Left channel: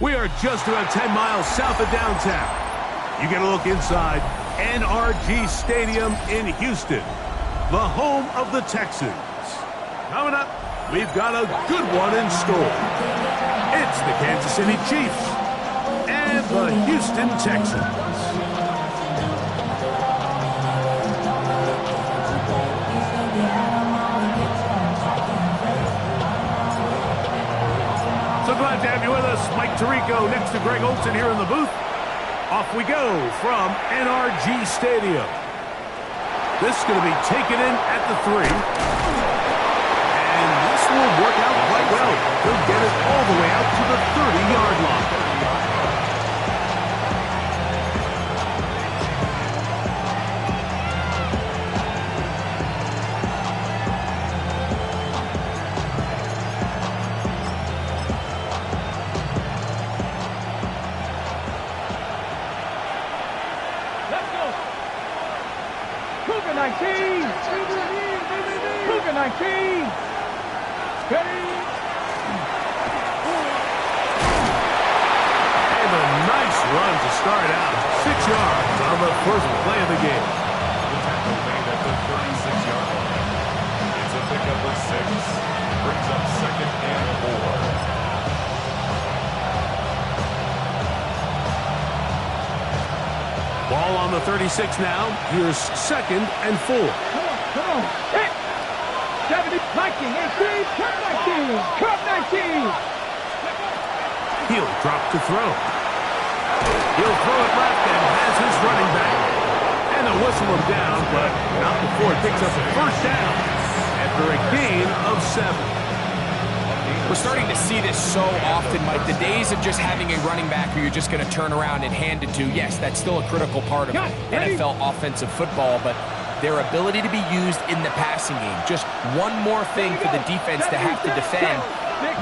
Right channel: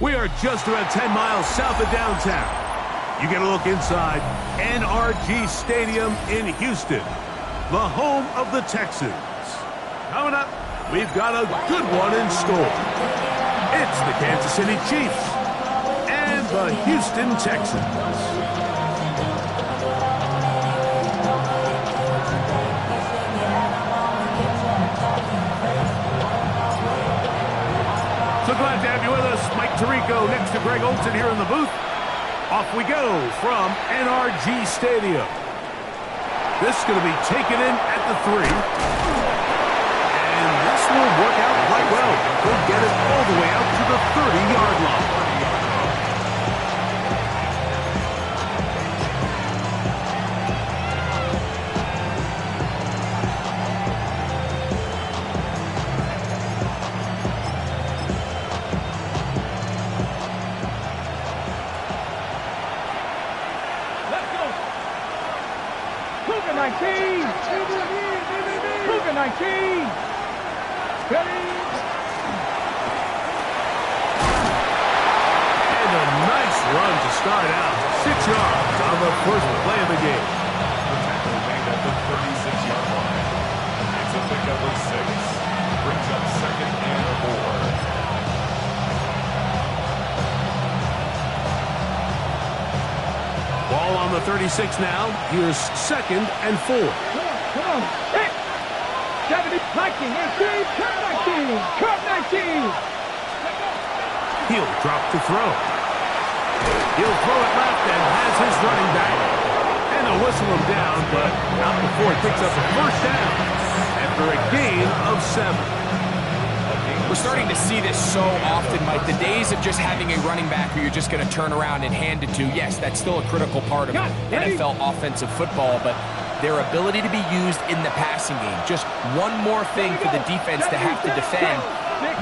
We are just about 10 miles south of downtown. You get a look inside NRG Stadium in Houston, the home of the Texans. Coming up, we've got a good one in store. It's the Kansas City Chiefs and the Houston Texans. So glad to have you with us. Mike Tirico next to Greg Olson here in the booth. Off we go from NRG Stadium. This is going to be taken in at the 3. And this will work out quite well. He'll get it all the way out to the 30-yard line. Cougar 19! Cougar 19! Ready? And a nice run to start out. 6 yards on the first play of the game. The tackle made at the 36-yard line. It's a pickup of 6. Brings up 2nd and 4. Ball on the 36 now. Here's 2nd and 4. Come on. Hit! 70, 19, 18, curve 19, curve 19. He'll drop to throw. He'll throw it left and has his running back. And they'll whistle him down, but not before it picks up a first down after a gain of 7. We're starting to see this so often, Mike. The days of just having a running back who you're just going to turn around and hand it to, yes, that's still a critical part of NFL offensive football, but their ability to be used in the passing game, just one more thing for the defense to have to defend,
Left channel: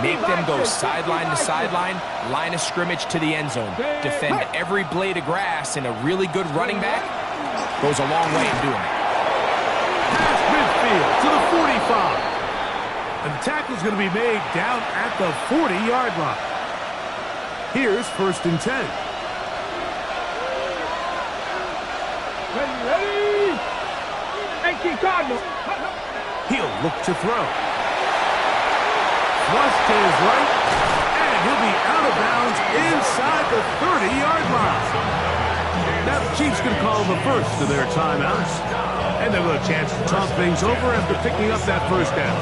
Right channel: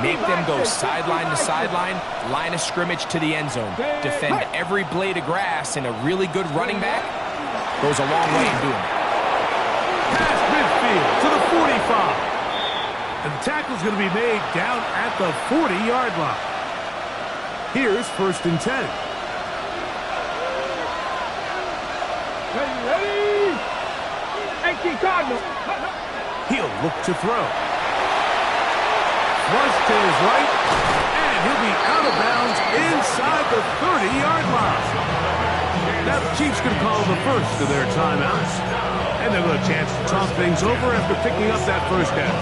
make them go sideline to sideline, line of scrimmage to the end zone, defend every blade of grass, and a really good running back goes a long way in doing that. Past midfield to the 45. And the tackle's going to be made down at the 40-yard line. Here's 1st and 10. Ready? 18 Cardinal. He'll look to throw. Flush to his right, and he'll be out of bounds inside the 30-yard line. Now the Chiefs going to call the first of their timeouts, and they'll get a chance to talk things over after picking up that first down.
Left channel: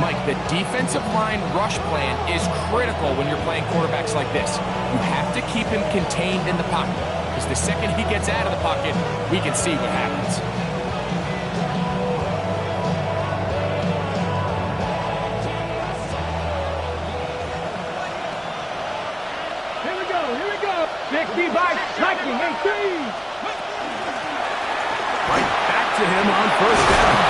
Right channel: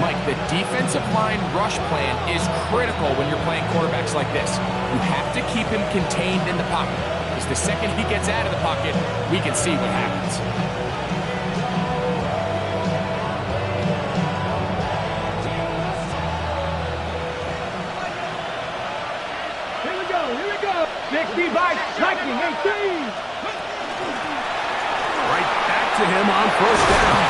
Mike, the defensive line rush plan is critical when you're playing quarterbacks like this. You have to keep him contained in the pocket, because the second he gets out of the pocket, we can see what happens. Here we go. 60 by striking, 18. Right back to him on first down.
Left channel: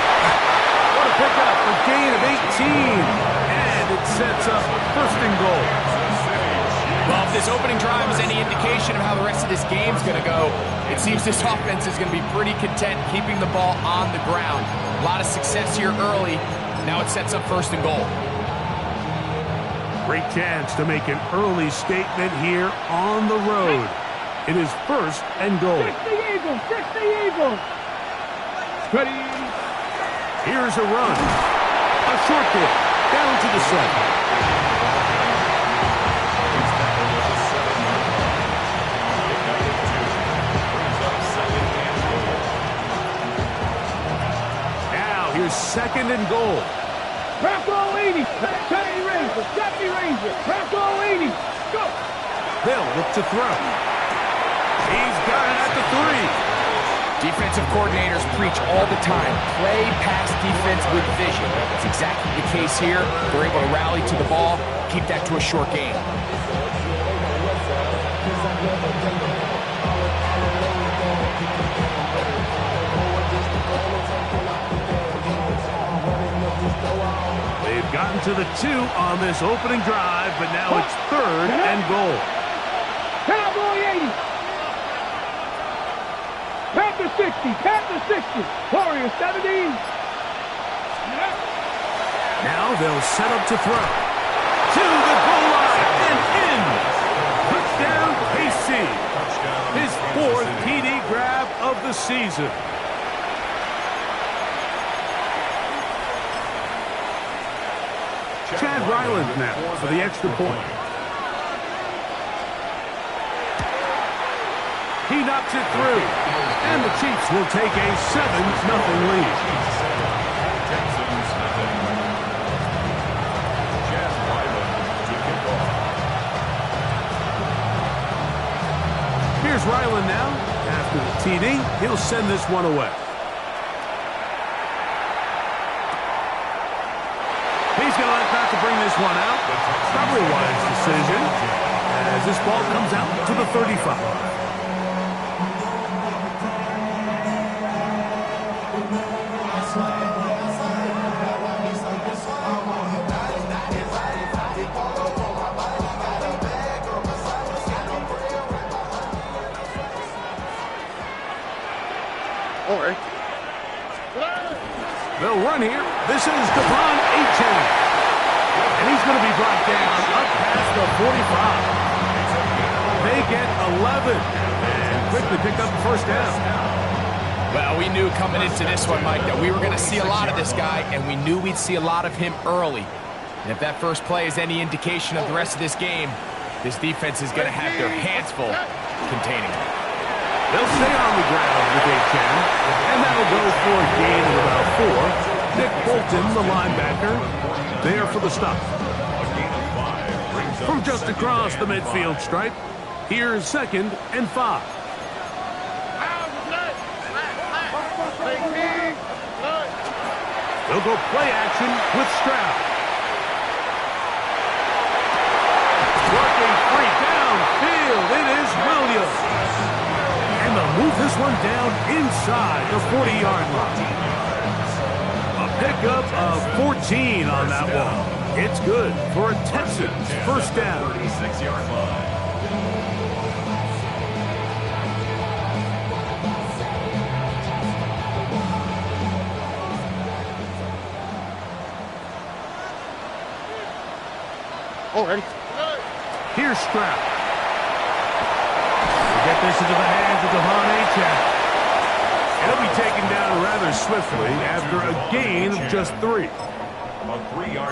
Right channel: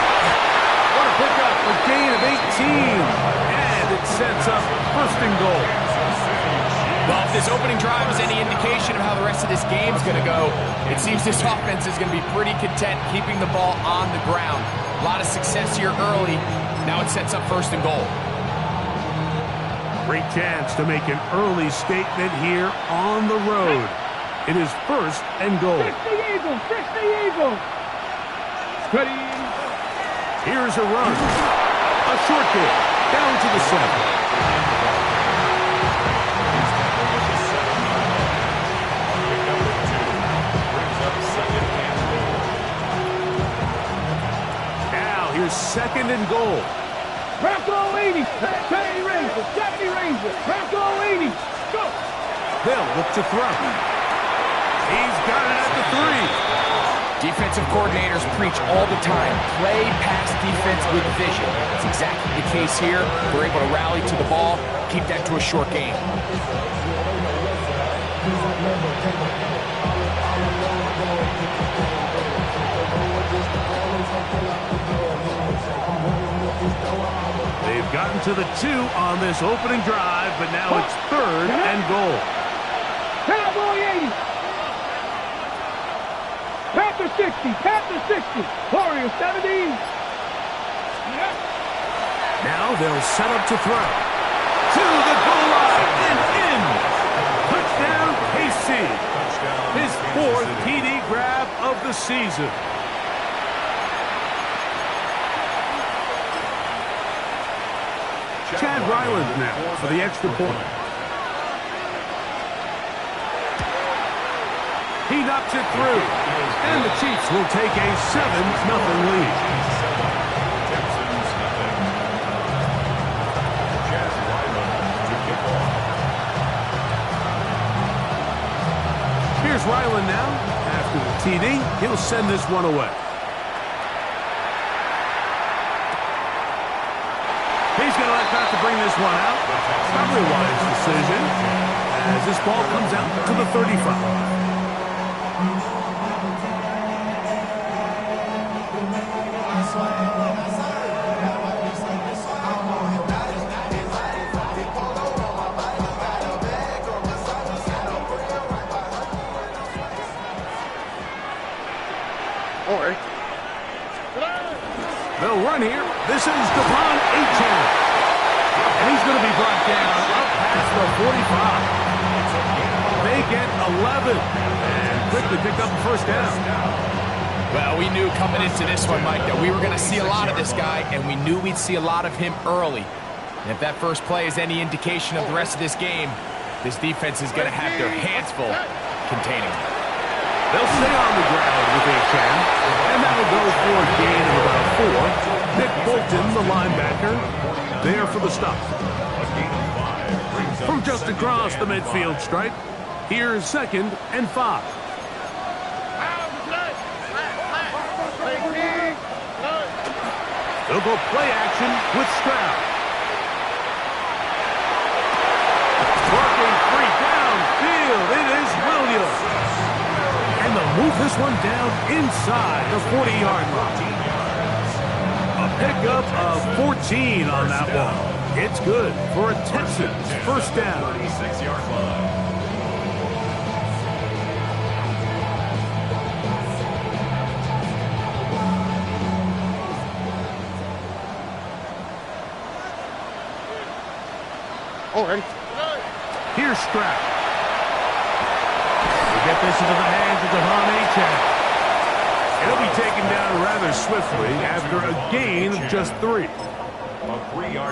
What a pickup, a gain of 18, and it sets up 1st and goal. Well, if this opening drive is any indication of how the rest of this game's going to go, it seems this offense is going to be pretty content keeping the ball on the ground. A lot of success here early. Now it sets up 1st and goal. Great chance to make an early statement here on the road. It is 1st and goal. 60 Eagles. Ready? Here's a run. A short kick down to the 7. He's tackled at the 7-yard line. Pick up at 2. Brings up 2nd and goal. Now here's 2nd and goal. Bronco 80. 70 Ranger. Bronco 80. Go. They'll look to throw. He's got it at the 3. Defensive coordinators preach all the time, play pass defense with vision. That's exactly the case here. They're able to rally to the ball, keep that to a short game. They've gotten to the 2 on this opening drive, but now it's 3rd and goal. Cowboy 80. Panther 60, Warrior 70. Now they'll set up to throw. To the goal line. wide and in. Touchdown, KC. His fourth TD grab of the season. Chad Ryland now for the extra point. He knocks it through. And the Chiefs will take a 7-0 lead. Texans nothing. Chad Ryland to kick off. Here's Ryland now. After the TD, he'll send this one away. He's going to like not to bring this one out. Probably a wise decision as this ball comes out to the 35. They'll run here. This is Devon Achane. And he's going to be brought down up past the 45. They get 11 and quickly pick up the first down. Well, we knew coming into this one, Mike, that we were going to see a lot of this guy, and we knew we'd see a lot of him early. And if that first play is any indication of the rest of this game, this defense is going to have their hands full containing him. They'll stay on the ground with Achane, and that'll go for a gain of about 4. Nick Bolton, the linebacker, there for the stop. From just across the midfield stripe, here's 2nd and 5. They'll go play action with Stroud. Working free downfield, it is Williams. And they'll move this one down inside the 40-yard line. A pickup of 14 on that one. It's good for a Texans first down. 36-yard line. Already. Here's Stroud. Get this into the hands of Devon Achane. It'll be taken down rather swiftly after a gain of just 3.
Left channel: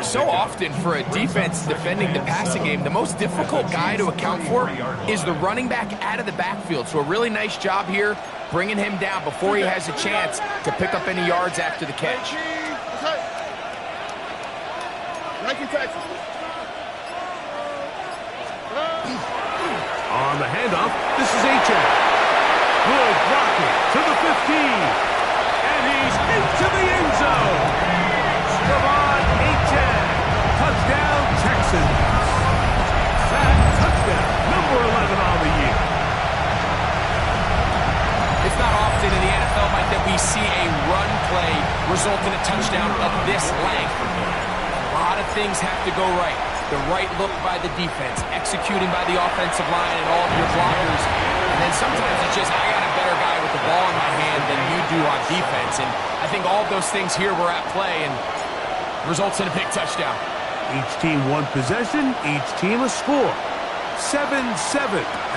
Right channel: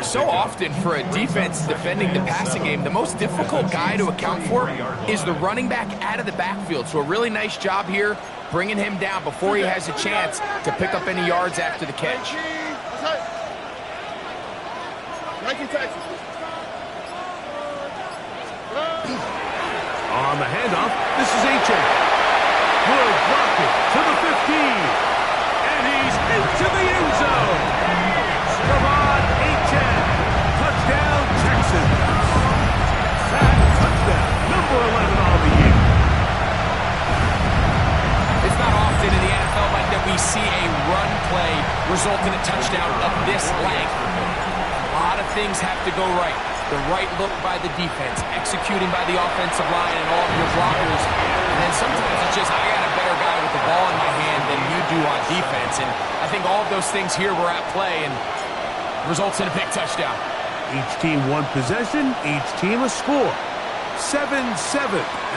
So often for a defense defending the passing game, the most difficult guy to account for is the running back out of the backfield. So a really nice job here bringing him down before he has a chance to pick up any yards after the catch. On the handoff, this is Achane. Good blocking to the 15. And he's into the end zone. Devon Achane. Touchdown, Texans. That touchdown, number 11 on the year. It's not often in the NFL, Mike, that we see a run play result in a touchdown of this length. A lot of things have to go right. The right look by the defense, executing by the offensive line and all of your blockers. And then sometimes it's just, I got a better guy with the ball in my hand than you do on defense. And I think all of those things here were at play and results in a big touchdown. Each team one possession, each team a score. 7-7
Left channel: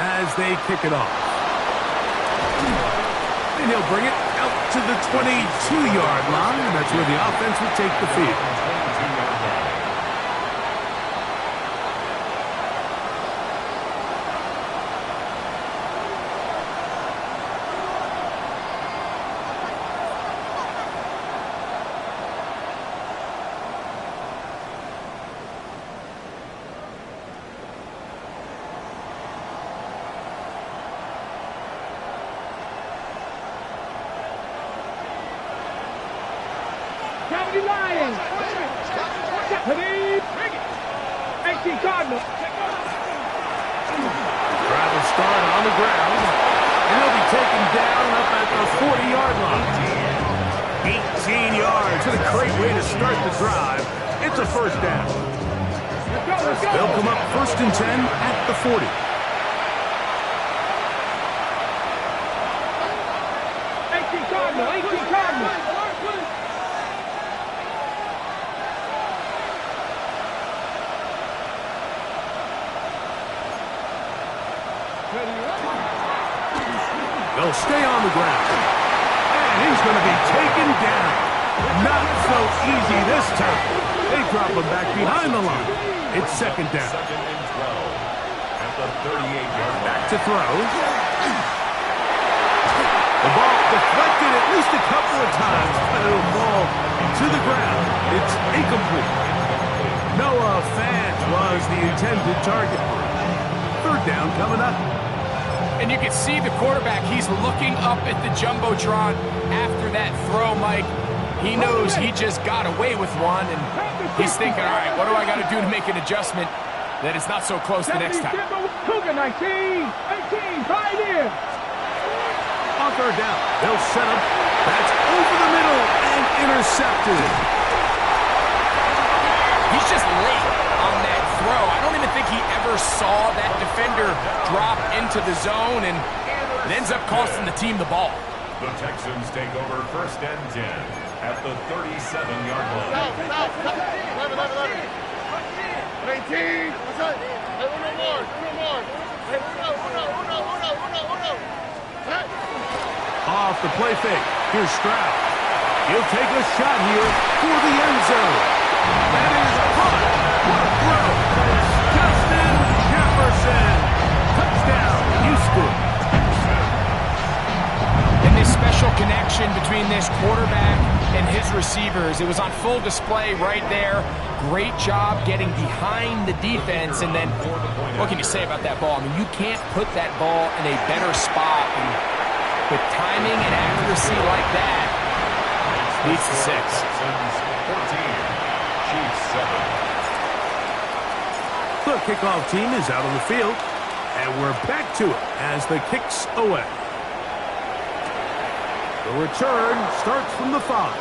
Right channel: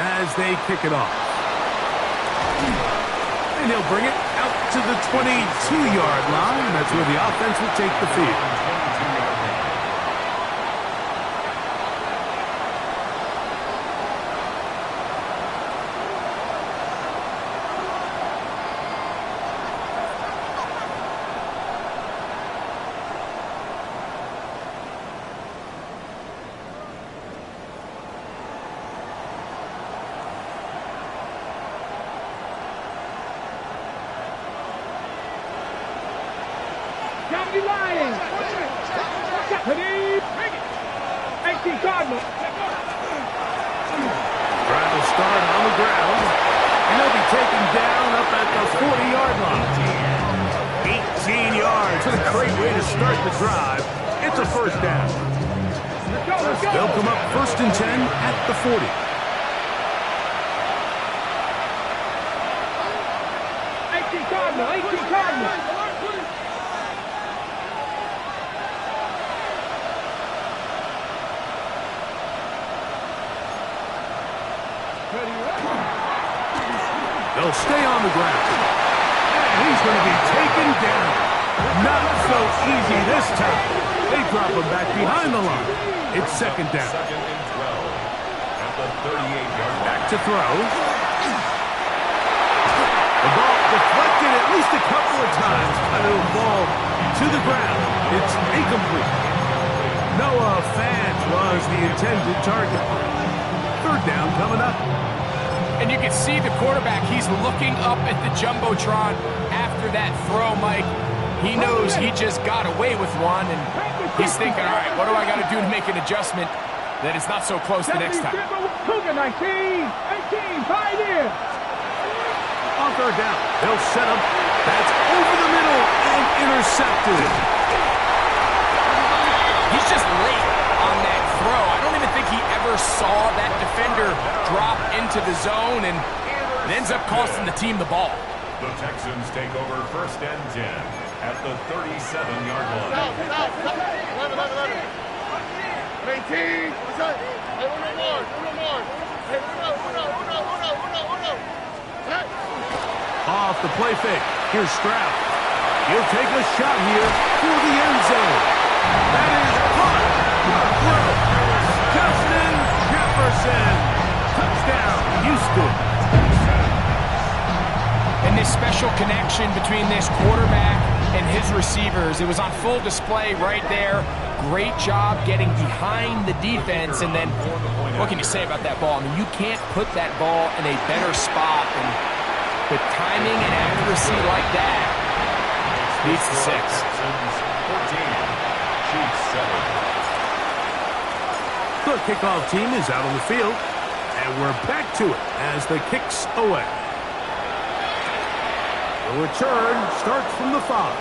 as they kick it off. And he'll bring it out to the 22-yard line. That's where the offense will take the field. Cavity lying. Cavity. 18 Cardinal. Drive will start on the ground, and he'll be taken down up at the 40-yard line. 18 yards. What a great way to start the drive. It's a first down. Let's go. They'll come up 1st and 10 at the 40. 18 Cardinal. 18 Cardinal. They'll stay on the ground. And he's going to be taken down. Not so easy this time. They drop him back behind the line. It's second down. Second and 12 at the 38-yard line. Back to throw. The ball deflected at least a couple of times, but it'll fall to the ground. It's incomplete. Noah Fant was the intended target. Third down coming up. And you can see the quarterback, he's looking up at the Jumbotron after that throw, Mike. He knows he just got away with one, and he's thinking, all right, what do I got to do to make an adjustment that it's not so close the next time? Cougar 19, 18, pioneer. On third down, they'll set him. That's over the middle and intercepted. He's just late on that throw. I don't even think he ever saw that defender drop into the zone, and it ends up costing the team the ball. The Texans take over first and 10 at the 37-yard line. 18. What's that? Hey, uno more. Hey, uno. Hey. Off the play fake. Here's Stroud. He'll take a shot here for the end zone. That is caught. What a throw. Justin Jefferson. Touchdown, Houston. And this special connection between this quarterback and his receivers, it was on full display right there. Great job getting behind the defense. And then, what can you say about that ball? I mean, you can't put that ball in a better spot. And with timing and accuracy like that, leads to 6. Texans 14, Chiefs 7. The kickoff team is out on the field, and we're back to it as the kick's away. The return starts from the 5.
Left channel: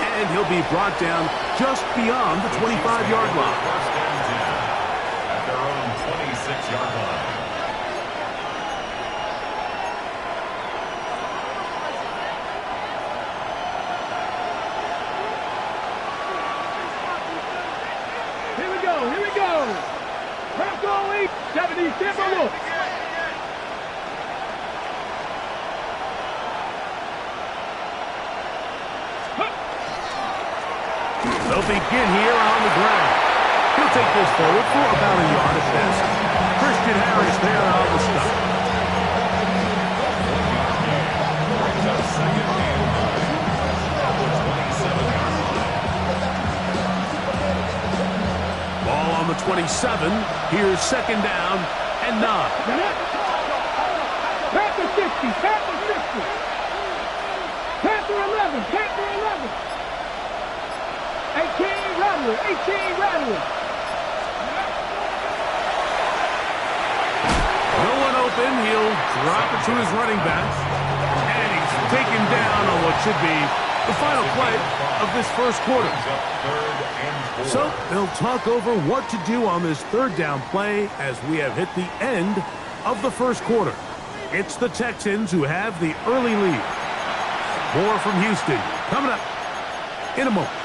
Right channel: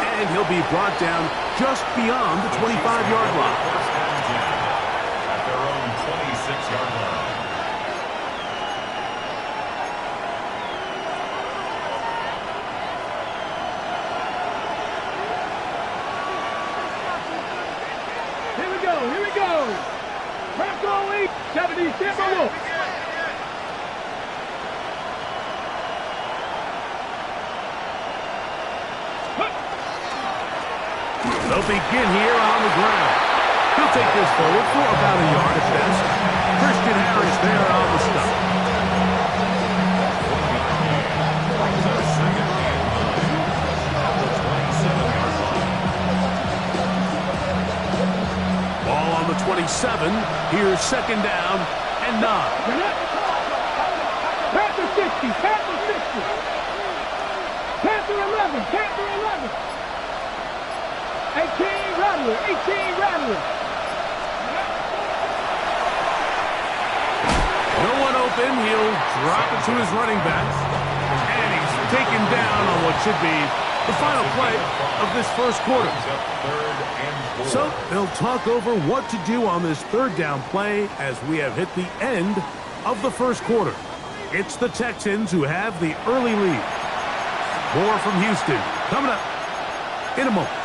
And he'll be brought down just beyond the 25-yard line. First and 10 at their own 26-yard line. Here we go. Bronco 8, 70, Timberwolves. They'll begin here on the ground. He'll take this forward for about a yard at best. Christian Harris there on the stop. 1-yard gain brings up second and 9 at the 27-yard line. Ball on the 27. Here's second down and 9. Panther 60, Panther 60. Panther 11, Panther 11. 18 Rattler, 18 Rattler. No one open. He'll drop it to his running back. And he's taken down on what should be the final play of this first quarter. Brings up third and 4. So they'll talk over what to do on this third down play as we have hit the end of the first quarter. It's the Texans who have the early lead. More from Houston coming up in a moment.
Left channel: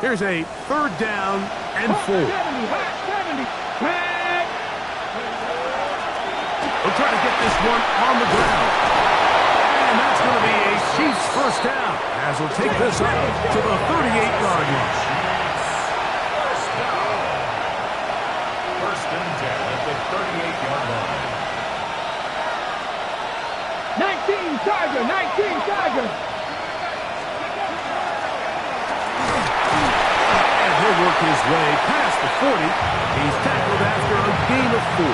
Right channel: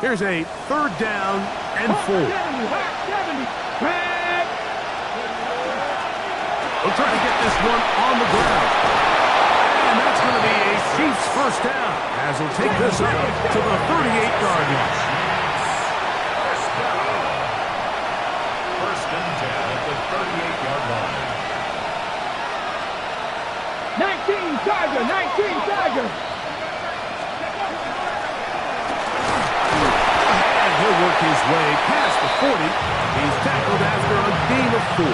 Here's a third down and 4. 70, back. They'll try to get this one on the ground. And that's going to be a Chiefs first down as he'll take this up to the 38-yard line. First down. First and 10 at the 38-yard line. 19 Tiger, 19 Tiger. And he'll work his way past the 40. He's tackled after a gain of 4.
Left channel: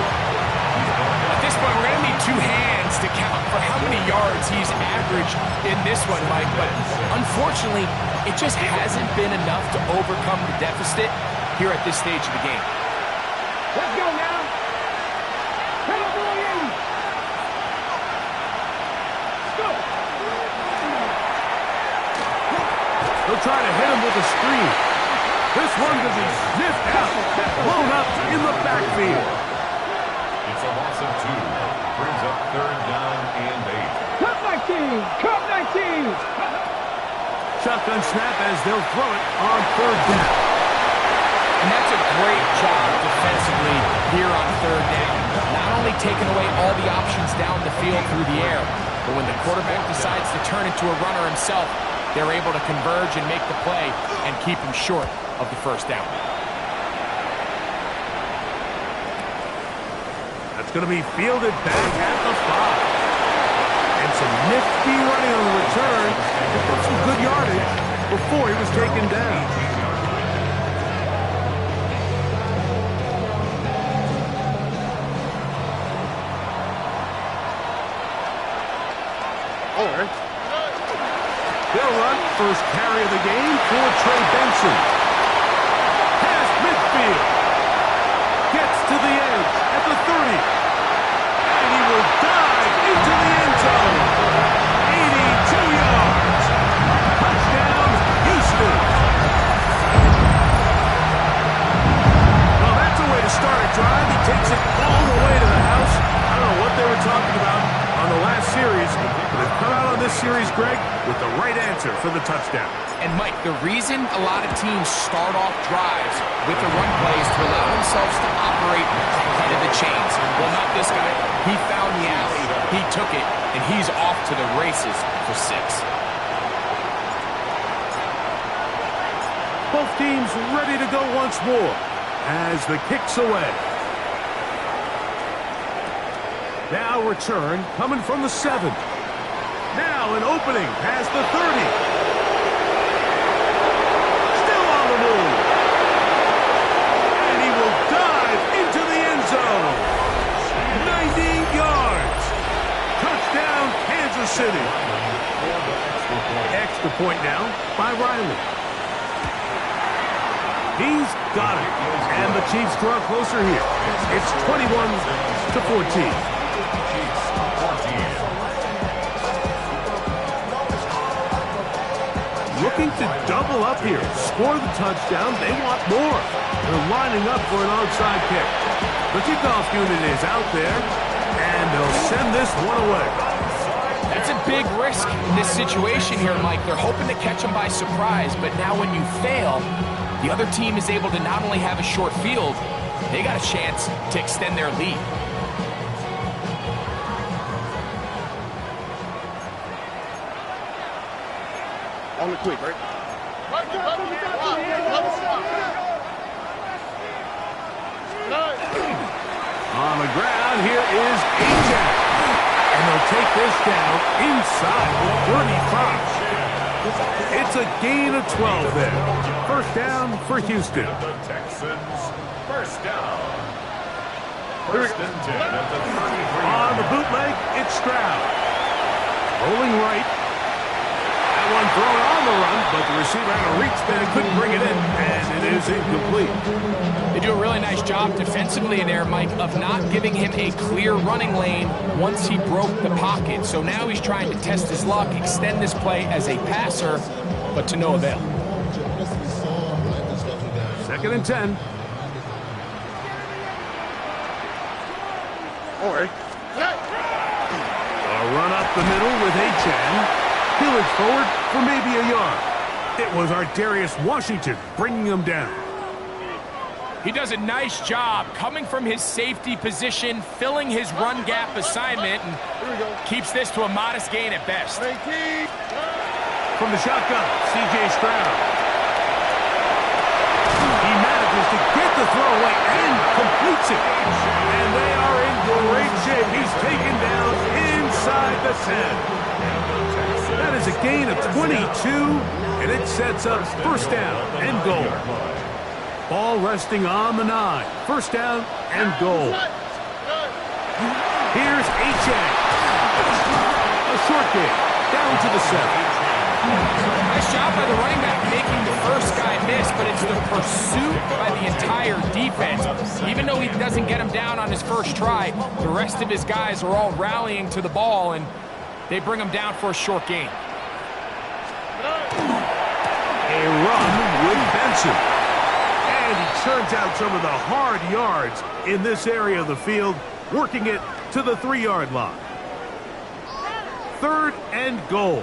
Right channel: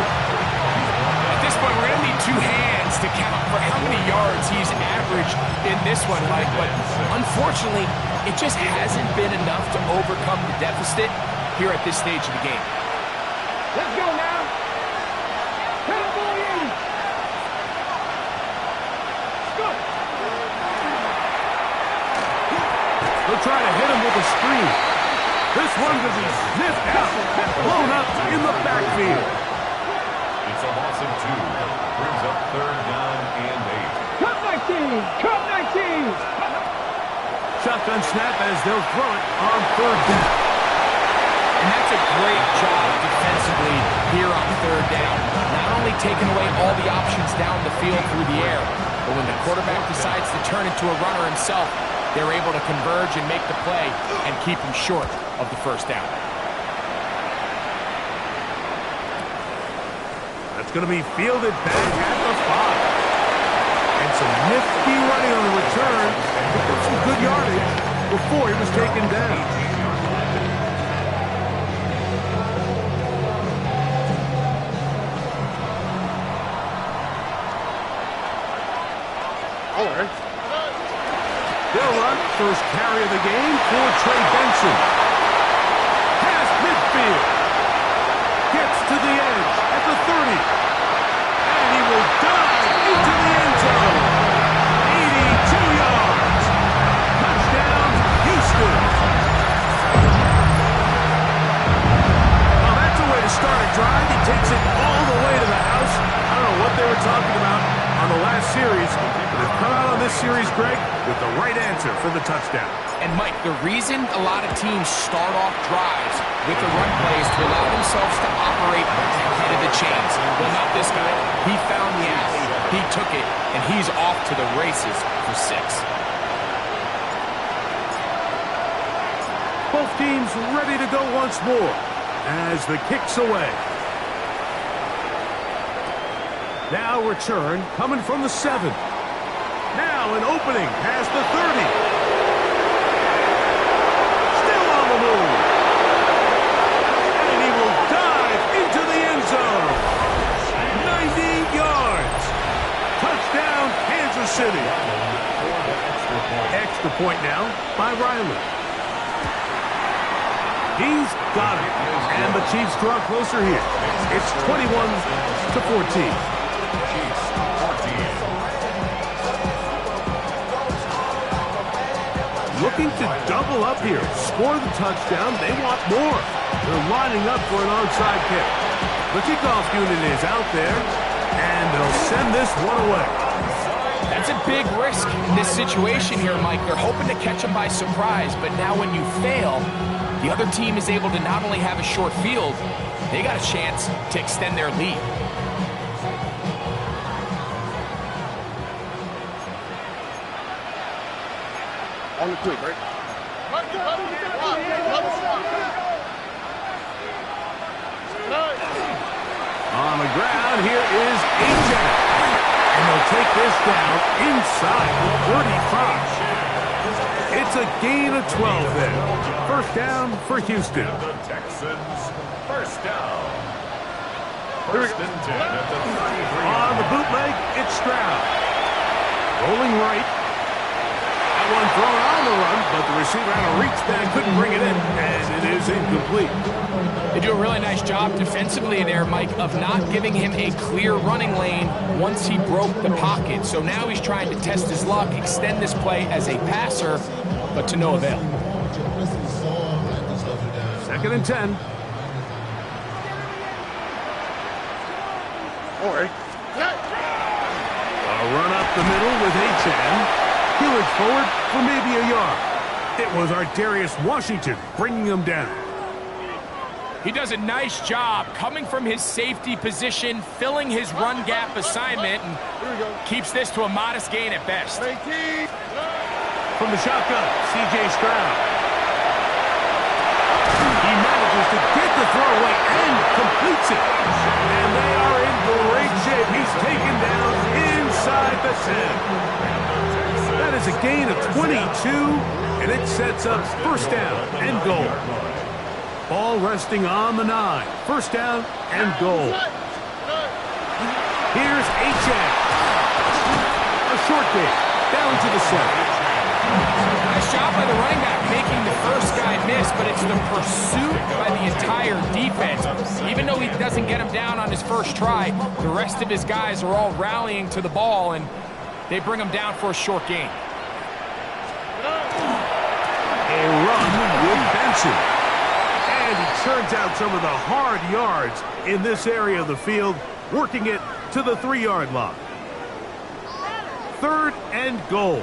At this point, we're going to need 2 hands to count for how many yards he's averaged in this one, Mike. But unfortunately, it just hasn't been enough to overcome the deficit here at this stage of the game. Let's go now. Cowboy 80. Let's go. They'll try to hit him with a screen. This one could be sniffed out, blown up in the backfield. It's a loss of 2. Brings up 3rd down and 8. Cut 19! Cut 19! Shotgun snap as they'll throw it on 3rd down. And that's a great job defensively here on 3rd down. Not only taking away all the options down the field through the air, but when the quarterback decides to turn into a runner himself, they're able to converge and make the play and keep him short of the 1st down. That's going to be fielded back at the 5. And some nifty running on the return. Picked up some good yardage before he was taken down. They'll run first carry of the game for Trey Benson. Past midfield. Gets to the edge at the 30. And he will dive into the end zone. 82 yards. Touchdown, Houston. Well, that's a way to start a drive. He takes it all the way to the house. I don't know what they were talking about on the last series, but they've come out on this series, Greg, with the right answer for the touchdown. And, Mike, the reason a lot of teams start off drives with the run play is to allow themselves to operate ahead of the chains. Well, not this guy. He found the alley, he took it, and he's off to the races for 6. Both teams ready to go once more as the kick's away. Now return coming from the 7. Now an opening past the 30. Still on the move. And he will dive into the end zone. 90 yards. Touchdown, Kansas City. Extra point now by Riley. He's got it. And the Chiefs draw closer here. It's 21-14. Looking to double up here. Score the touchdown. They want more. They're lining up for an onside kick. The kickoff unit is out there, and they'll send this one away. That's a big risk in this situation here, Mike. They're hoping to catch him by surprise, but now when you fail, the other team is able to not only have a short field, they got a chance to extend their lead. On the quick, right? On the ground, here is Ajak. And they'll take this down inside the 35. It's a gain of 12 there. First down for Houston. The Texans, first down. First and 10 at the 33. On the bootleg, it's Stroud. Rolling right. That one thrown on the run, but the receiver had a reach back, couldn't bring it in, and it is incomplete. They do a really nice job defensively there, Mike, of not giving him a clear running lane once he broke the pocket. So now he's trying to test his luck, extend this play as a passer, but to no avail. 2nd and 10. All right. A run up the middle with Achane. He'll edge forward for maybe a yard. It was Ardarius Washington bringing him down. He does a nice job coming from his safety position, filling his run gap assignment, and keeps this to a modest gain at best. From the shotgun, C.J. Stroud. He manages to get the throw away and completes it. And they are in great shape. He's taken down inside the 10. That is a gain of 22, and it sets up first down and goal. Ball resting on the 9. First down and goal. Here's Achane. A short game, down to the 7. Nice job by the running back making the first guy miss, but it's the pursuit by the entire defense. Even though he doesn't get him down on his first try, the rest of his guys are all rallying to the ball, and they bring him down for a short gain. A run with Benson. And he churns out some of the hard yards in this area of the field. working it to the 3-yard line. 3rd and goal.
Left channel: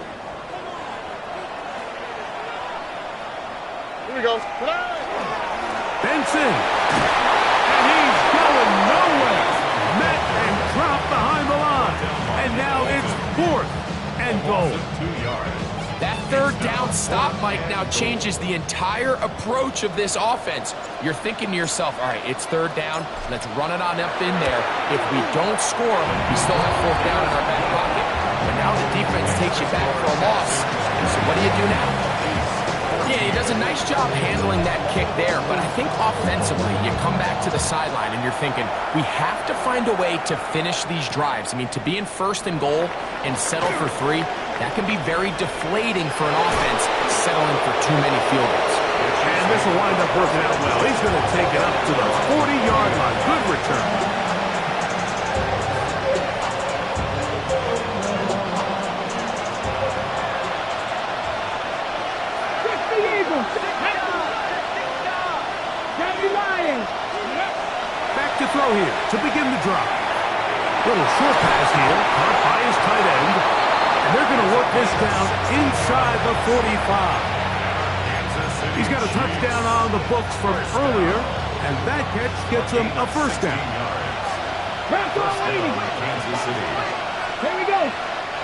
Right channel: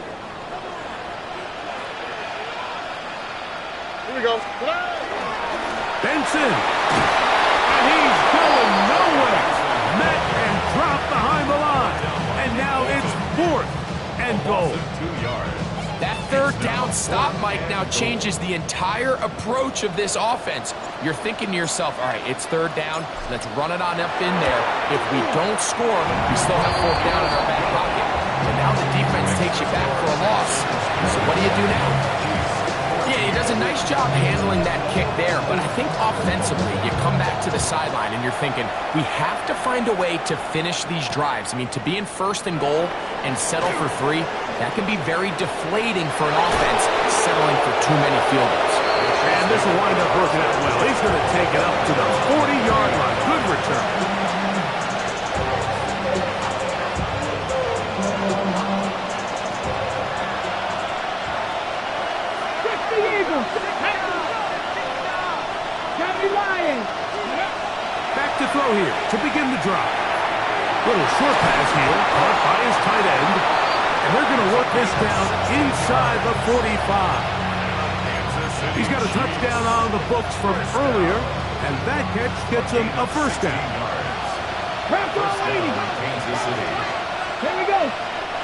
Here we go. Benson. And he's going nowhere. Met and dropped behind the line. And now it's 4th and goal. 2 yards. That 3rd down stop, Mike, now changes the entire approach of this offense. You're thinking to yourself, all right, it's 3rd down. Let's run it on up in there. If we don't score, we still have 4th down in our back pocket. But now the defense takes you back for a loss. So what do you do now? Yeah, he does a nice job handling that kick there, but I think offensively, you come back to the sideline and you're thinking, we have to find a way to finish these drives. I mean, to be in 1st and goal and settle for 3, that can be very deflating for an offense settling for too many field goals. And this will wind up working out well. He's going to take it up to the 40-yard line. Good return. Back to throw here to begin the drive. Little short pass here, caught by his tight end. And they're going to work this down inside the 45. He's got a touchdown on the books from earlier, and that catch gets him a 1st down. Kansas City. Here we go.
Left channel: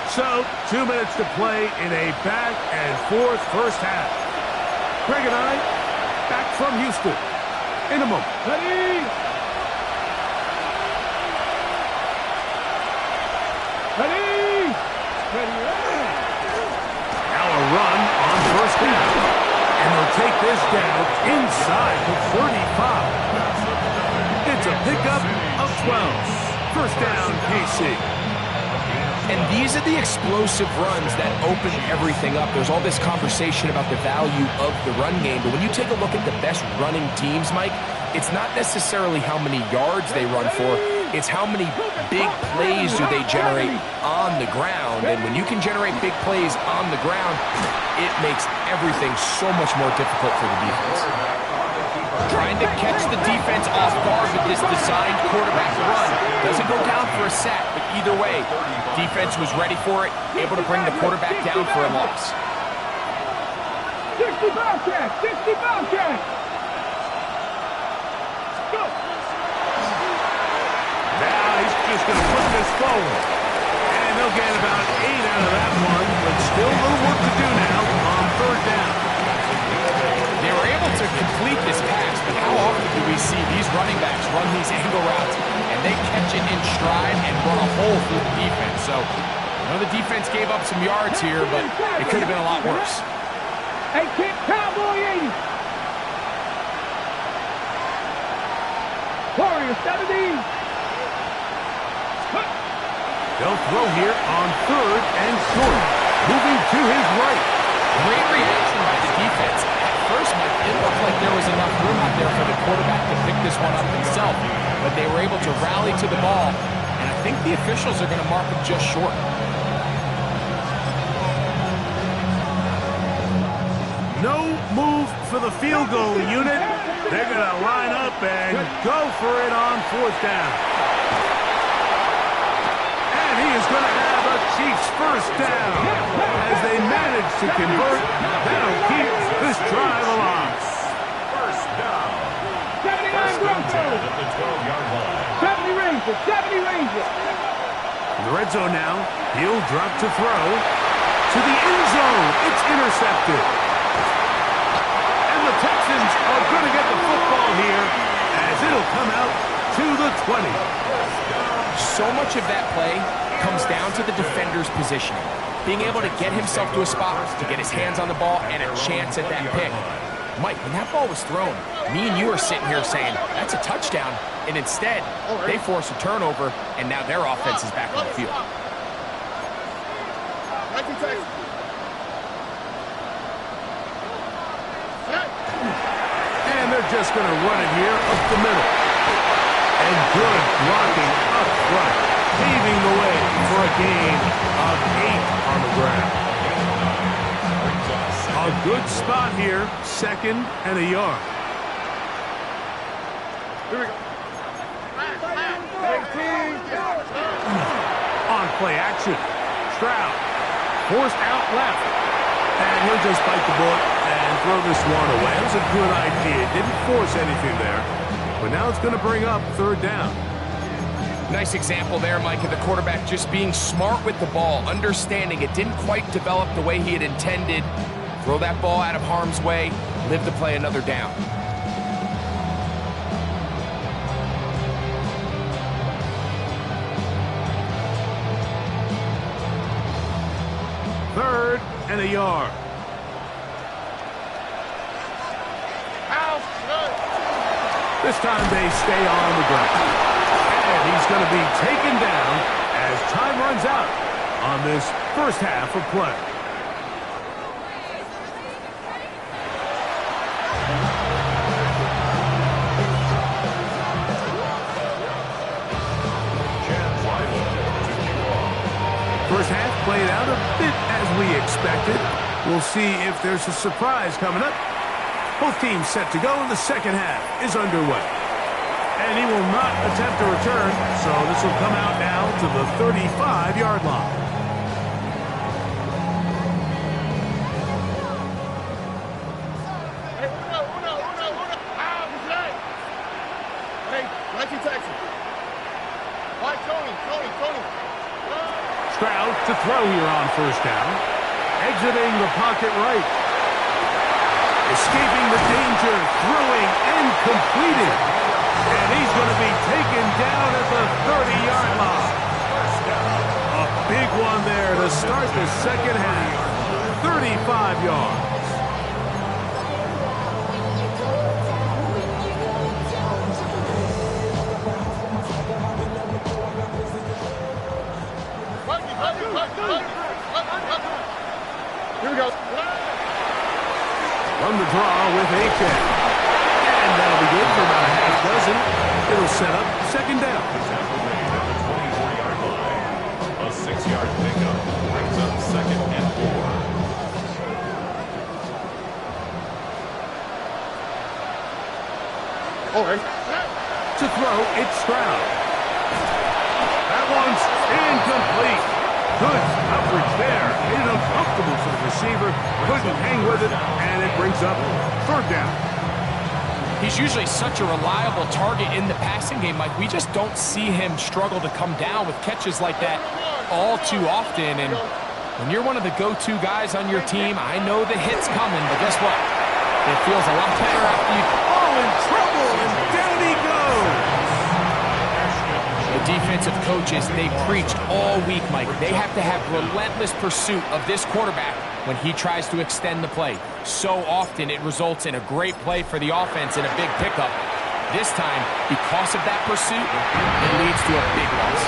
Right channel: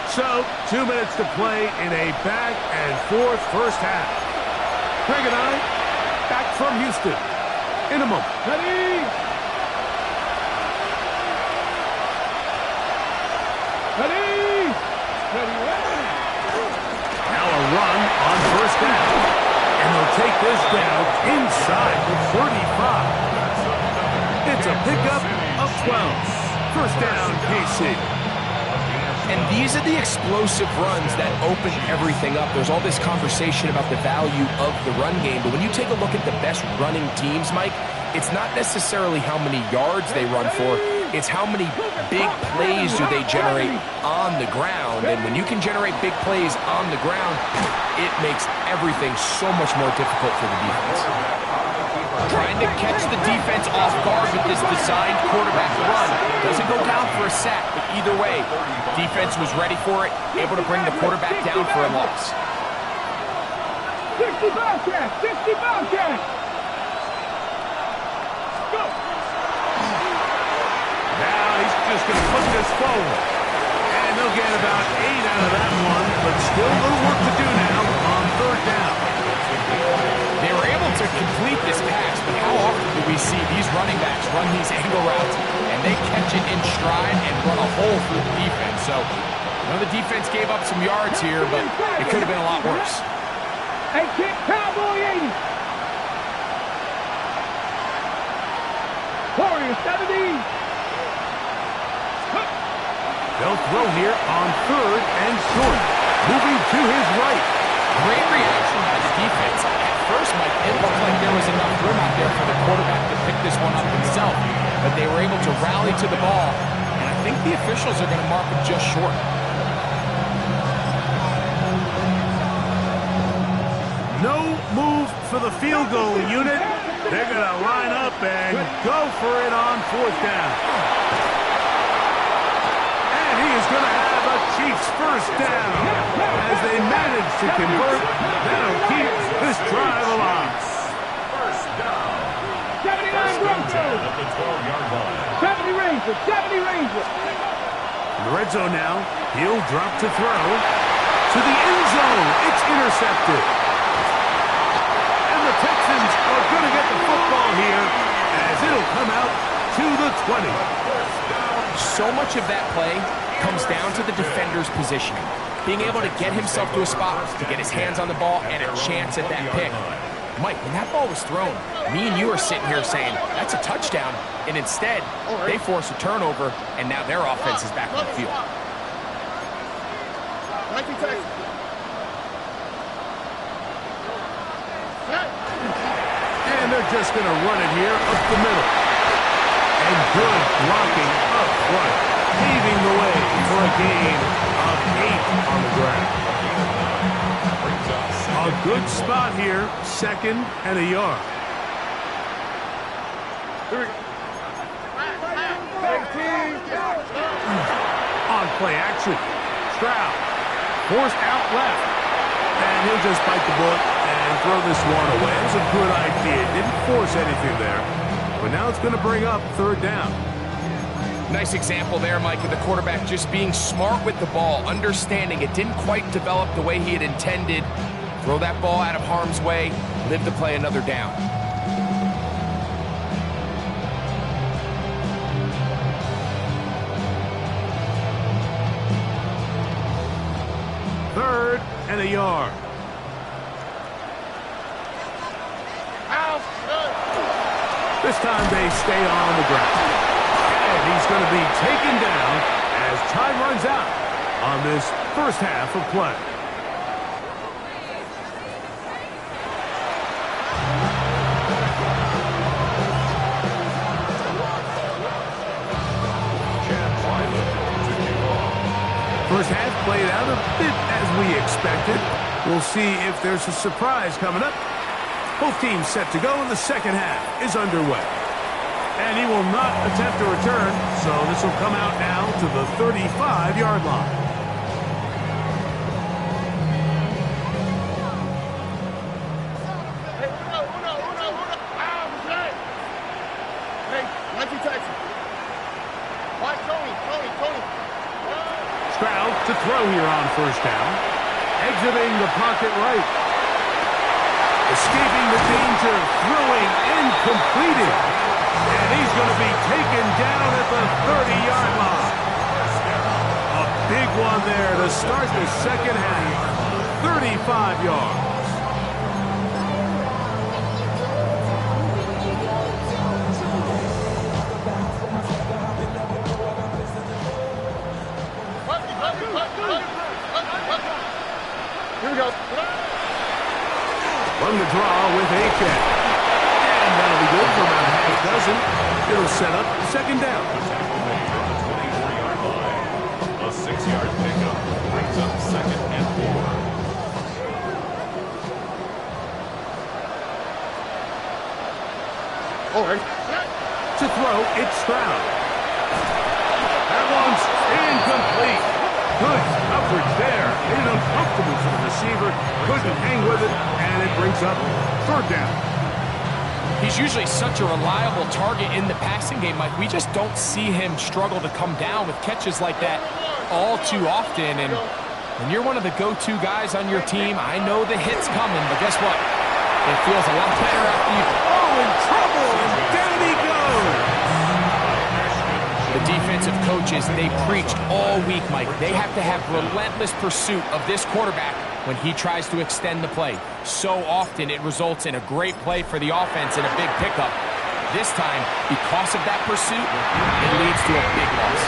So, 2 minutes to play in a back and forth first half. Craig and I, back from Houston. In a moment. Ready. Ready. Ready. Now a run on 1st down. And they'll take this down inside the 35. It's a pickup of 12. 1st down, KC. And these are the explosive runs that open everything up. There's all this conversation about the value of the run game, but when you take a look at the best running teams, Mike, it's not necessarily how many yards they run for, it's how many big plays do they generate on the ground. And when you can generate big plays on the ground, it makes everything so much more difficult for the defense. Trying to catch the defense off guard with this designed quarterback run. Doesn't go down for a sack, but either way, defense was ready for it, able to bring the quarterback down for a loss. 60 Bobcat! 60 Bobcat! Go! Now he's just going to put this forward. And they'll get about 8 out of that one, but still a little work to do now on 3rd down. They were able to complete this pass, but how often do we see these running backs run these angle routes and they catch it in stride and run a hole through the defense? So, I know the defense gave up some yards here, but it could have been a lot worse. Hey, kick, Cowboy 80. Warrior 70. They'll throw here on 3rd and short. Moving to his right. Great reaction by the defense. At first, Mike, it looked like there was enough room out there for the quarterback to pick this one up himself, but they were able to rally to the ball, and I think the officials are going to mark him just short. No move for the field goal unit. They're going to line up and go for it on 4th down. And he is going to have a Chiefs 1st down. As they manage to convert, that'll keep this drive alive. 1st down. 79 Broncos. At the 12-yard line. 70 Rangers. 70 Rangers. In the red zone now, he'll drop to throw. To the end zone, it's intercepted. And the Texans are going to get the football here as it'll come out to the 20. So much of that play comes down to the defender's positioning. Being able to get himself to a spot, to get his hands on the ball, and a chance at that pick. Mike, when that ball was thrown, me and you are sitting here saying, that's a touchdown. And instead, they force a turnover, and now their offense is back on the field. And they're just going to run it here up the middle. And good blocking up front, paving the way for a gain of 8 on the ground. A good spot here, 2nd and a yard. Here we go. On play action. Stroud forced out left. And he'll just bite the bullet and throw this one away. It was a good idea. Didn't force anything there. But now it's going to bring up third down. Nice example there, Mike, of the quarterback just being smart with the ball, understanding it didn't quite develop the way he had intended. Throw that ball out of harm's way, live to play another down. Third and a yard. This time they stay on the ground. And he's going to be taken down as time runs out on this first half of play. First half played out a bit as we expected. We'll see if there's a surprise coming up. Both teams set to go, and the second half is underway. And he will not attempt a return, so this will come out now to the 35-yard line. Stroud to throw here on first down. Exiting the pocket right. Escaping the danger, throwing and completing. And he's going to be taken down at the 30-yard line. A big one there to start the second half. 35 yards. Here we go. Run the draw with A-check. And that'll be good for about a half dozen. It'll set up second down. The tackle made at the 24-yard line. A 6-yard pickup brings up second and 4. All right. To throw, it's Stroud. That one's incomplete. Good coverage there. Made it uncomfortable for the receiver. Couldn't hang with it, and it brings up third down. He's usually such a reliable target in the passing game, Mike. We just don't see him struggle to come down with catches like that all too often. And when you're one of the go-to guys on your team, I know the hit's coming, but guess what? It feels a lot better after you... Oh, in trouble, and down he goes. The defensive coaches, they preached all week, Mike. They have to have relentless pursuit of this quarterback when he tries to extend the play. So often it results in a great play for the offense and a big pickup. This time, because of that pursuit, it leads to a big loss.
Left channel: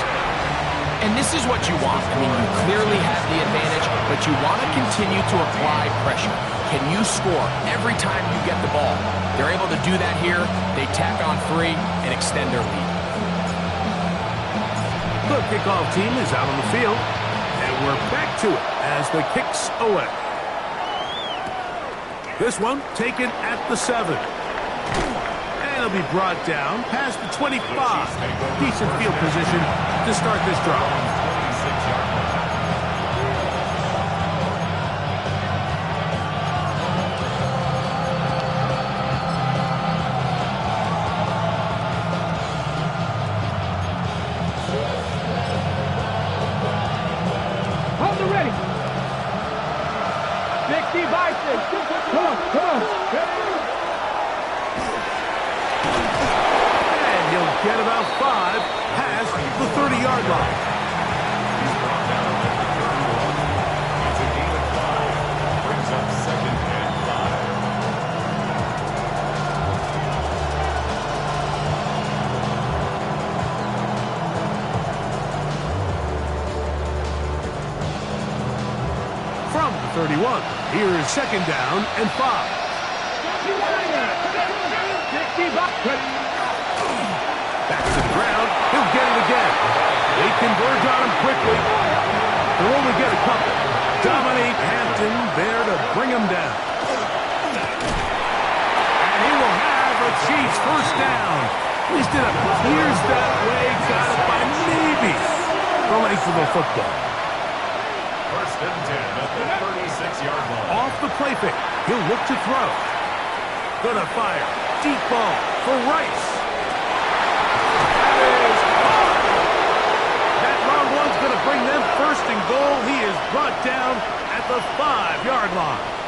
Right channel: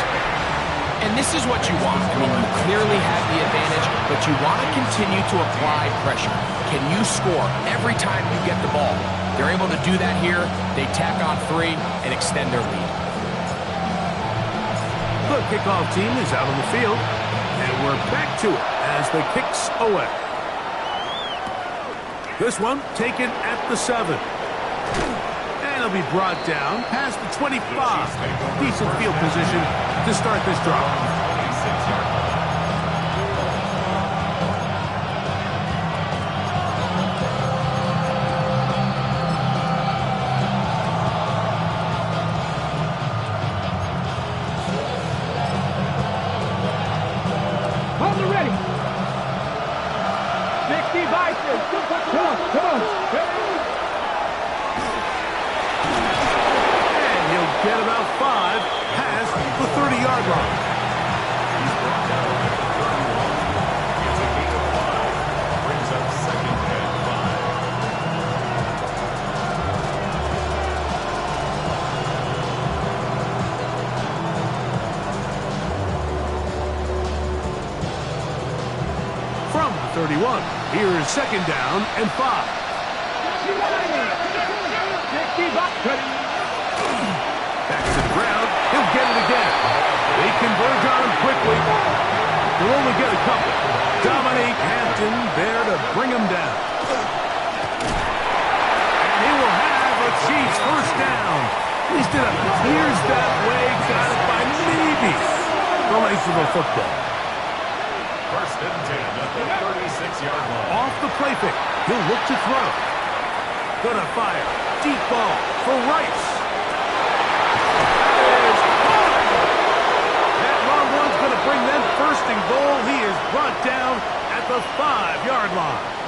And this is what you want. I mean, you clearly have the advantage, but you want to continue to apply pressure. Can you score every time you get the ball? They're able to do that here. They tack on 3 and extend their lead. The kickoff team is out on the field, and we're back to it as the kick's away. This one taken at the 7. And it'll be brought down past the 25. Decent field position to start this drive. 26-yard line. Ready. 60 Bison. Come on. And he'll get about 5 past the 30-yard line. He's brought down at the 31. It's a gain of 5. Brings up second and 5. From the 31, here is second down and 5. Back to the ground. He'll get it again. They converge on him quickly. They'll only get a couple. Dominique Hampton there to bring him down. And he will have a Chiefs first down At least it appears that way. Got it by maybe the length of the football. First and 10 at the 36-yard line. Off the play fake. He'll look to throw. Gonna fire. Deep ball for Rice. That is caught. That long one's gonna bring them first and goal. He is brought down at the 5-yard line.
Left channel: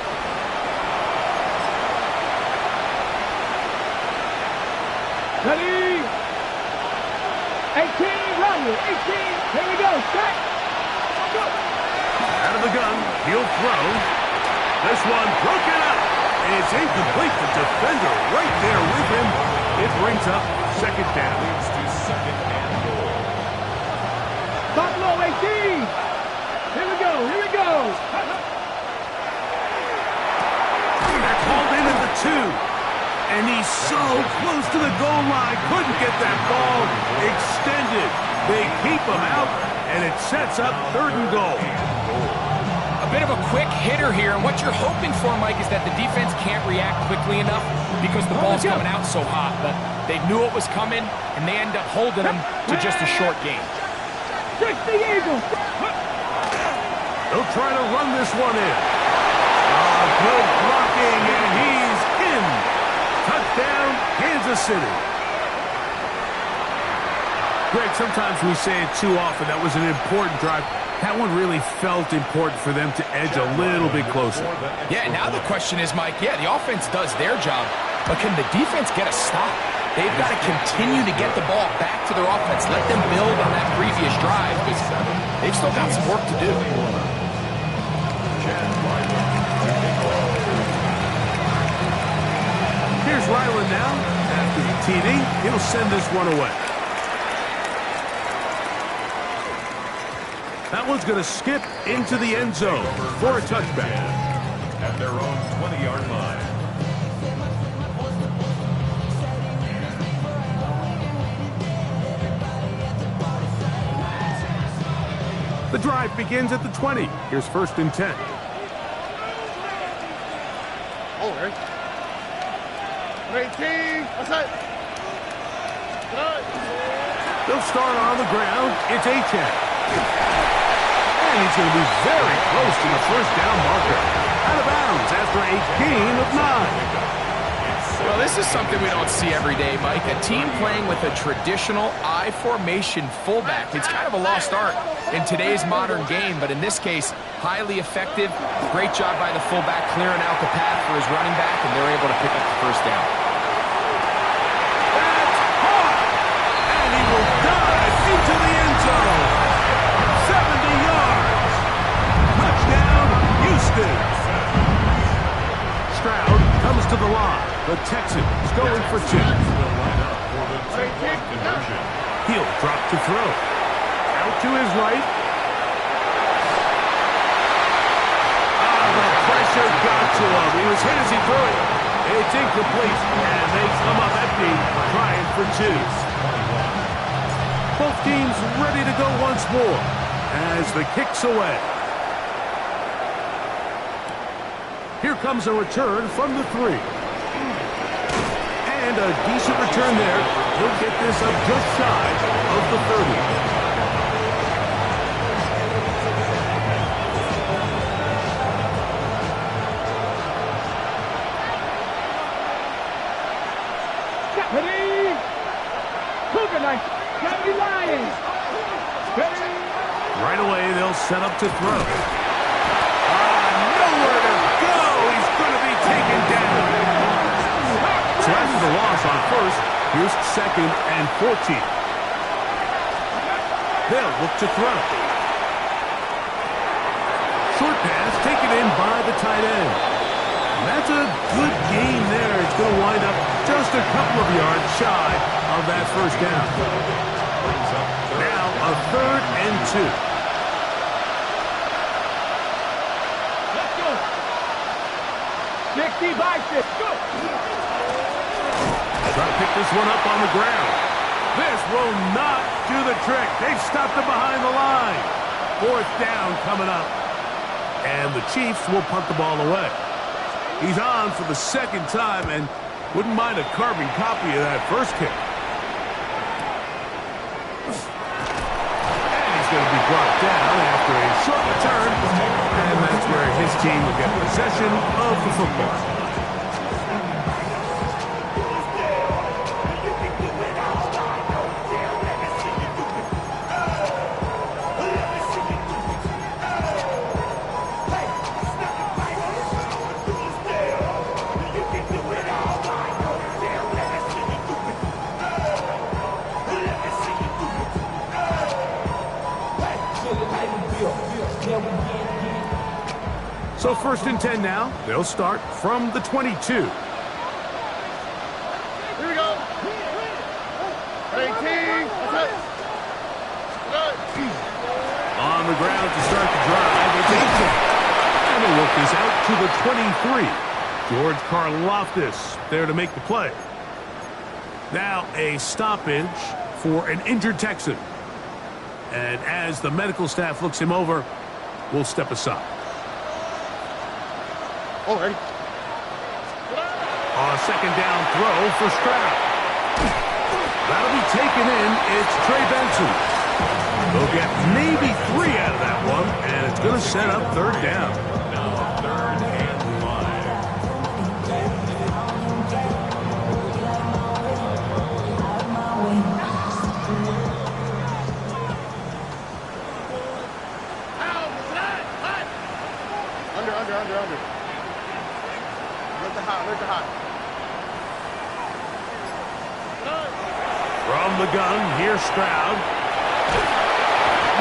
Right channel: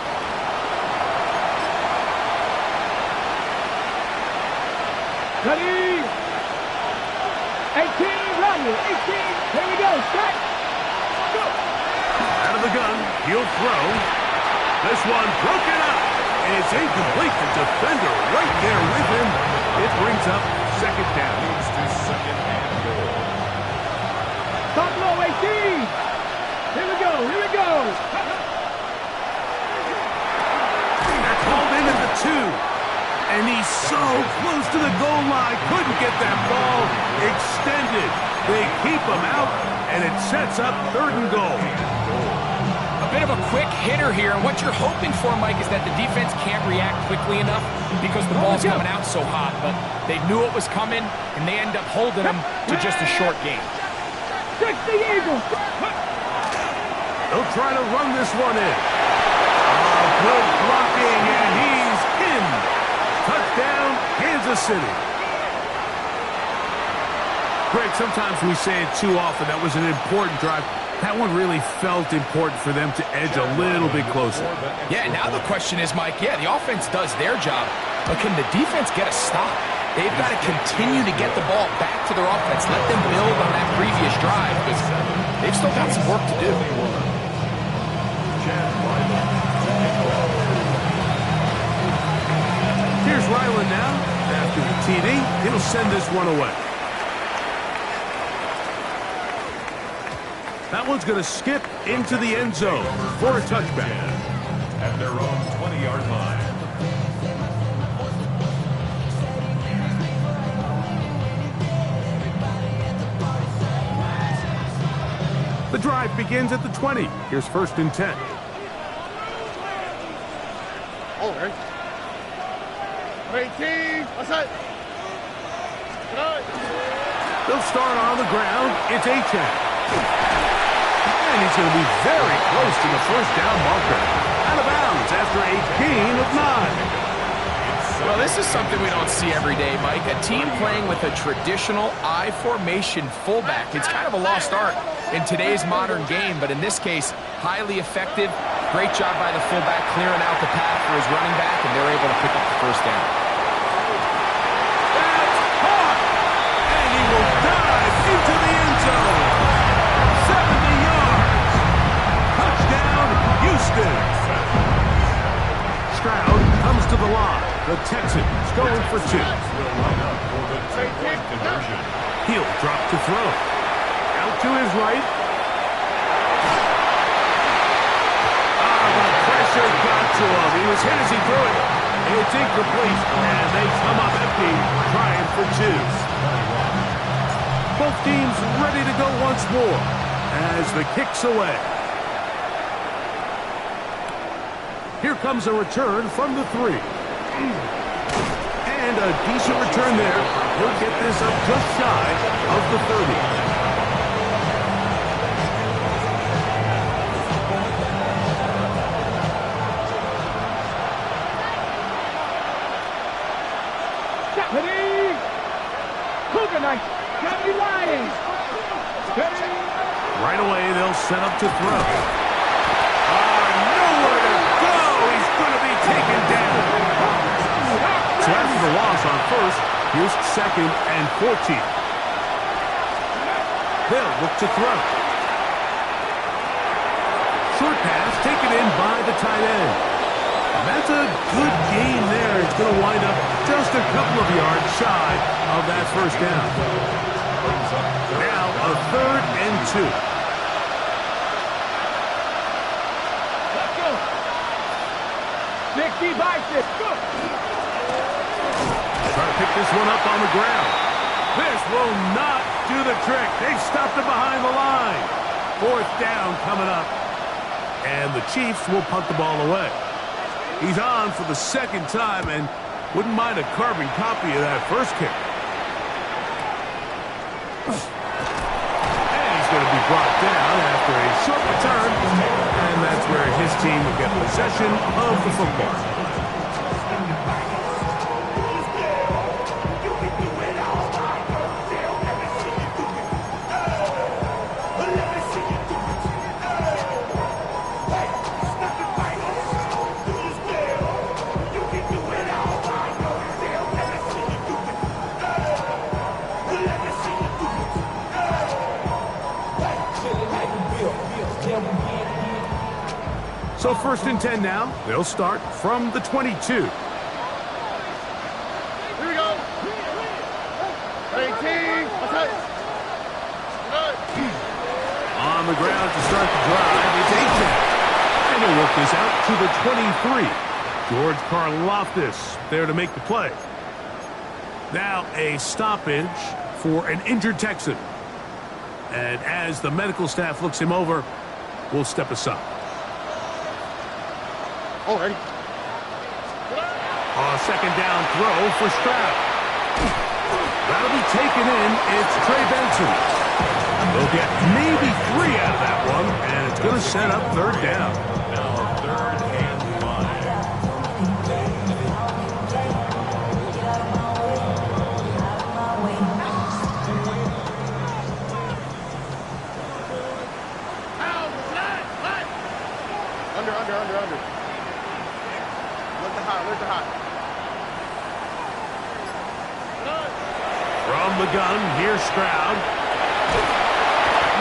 Ready? 18, run it. 18. Here we go. Set. Go. Out of the gun, he'll throw. This one broken up. And it's incomplete. The defender right there with him. It brings up second down. Leads to second and goal. Top low, 18. Here we go. Here we go. They're called in at the 2. And he's so close to the goal line. Couldn't get that ball extended. They keep him out, and it sets up third and goal. A bit of a quick hitter here, and what you're hoping for, Mike, is that the defense can't react quickly enough because the ball's coming out so hot. But they knew it was coming, and they end up holding them to just a short game. 60 Eagles. They'll try to run this one in. Good blocking, and he's in. Touchdown, Kansas City. Greg, sometimes we say it too often. That was an important drive. That one really felt important for them to edge a little bit closer. Yeah, now the question is, Mike, the offense does their job, but can the defense get a stop? They've got to continue to get the ball back to their offense. Let them build on that previous drive, because they've still got some work to do. Here's Ryland now. After the TD, he'll send this one away. That one's going to skip into the end zone for a touchback. At their own 20-yard line. The drive begins at the 20. Here's first and 10. Over. 18. What's that? They'll start on the ground. It's A-10. And he's going to be very close to the first down marker. Out of bounds after a gain of 9. Well, this is something we don't see every day, Mike. A team playing with a traditional I formation fullback. It's kind of a lost art in today's modern game, but in this case, highly effective. Great job by the fullback clearing out the path for his running back, and they're able to pick up the first down. That's caught! And he will dive into the end zone. 70 yards. Touchdown, Houston. Stroud comes to the line. The Texans going for 2. Will line up for the 2-point conversion. He'll drop to throw. Out to his right. The pressure got to him. He was hit as he threw it. It's incomplete, and they come up empty, trying for 2. Both teams ready to go once more as the kick's away. Here comes a return from the 3. And a decent return there. He'll get this up just shy of the 30. Ready? Cougar Knights. Deputy Lions. Ready? Right away, they'll set up to throw. Nowhere to go. He's going to be taken down. So after the loss on first, here's second and 14. They'll look to throw. Short pass taken in by the tight end. That's a good gain there. It's going to wind up just a couple of yards shy of that first down. Now a third and 2. Let's go. 60 by 6. Go. Try to pick this one up on the ground. This will not do the trick. They've stopped it behind the line. Fourth down coming up. And the Chiefs will punt the ball away. He's on for the second time and wouldn't mind a carbon copy of that first kick. And he's going to be brought down after a short return. And that's where his team will get possession of the football. So 1st and 10 now. They'll start from the 22. Here we go. 18. On the ground to start the drive, it's AJ. And he'll work this out to the 23. George Karlaftis there to make the play. Now a stoppage for an injured Texan. And as the medical staff looks him over, we'll step aside. Already. A 2nd down throw for Stroud. That'll be taken in. It's Trey Benson. They'll get maybe 3 out of that one, and it's going to set up 3rd down. Now 3rd and 5. Under. Look the hot. From the gun, here's Stroud.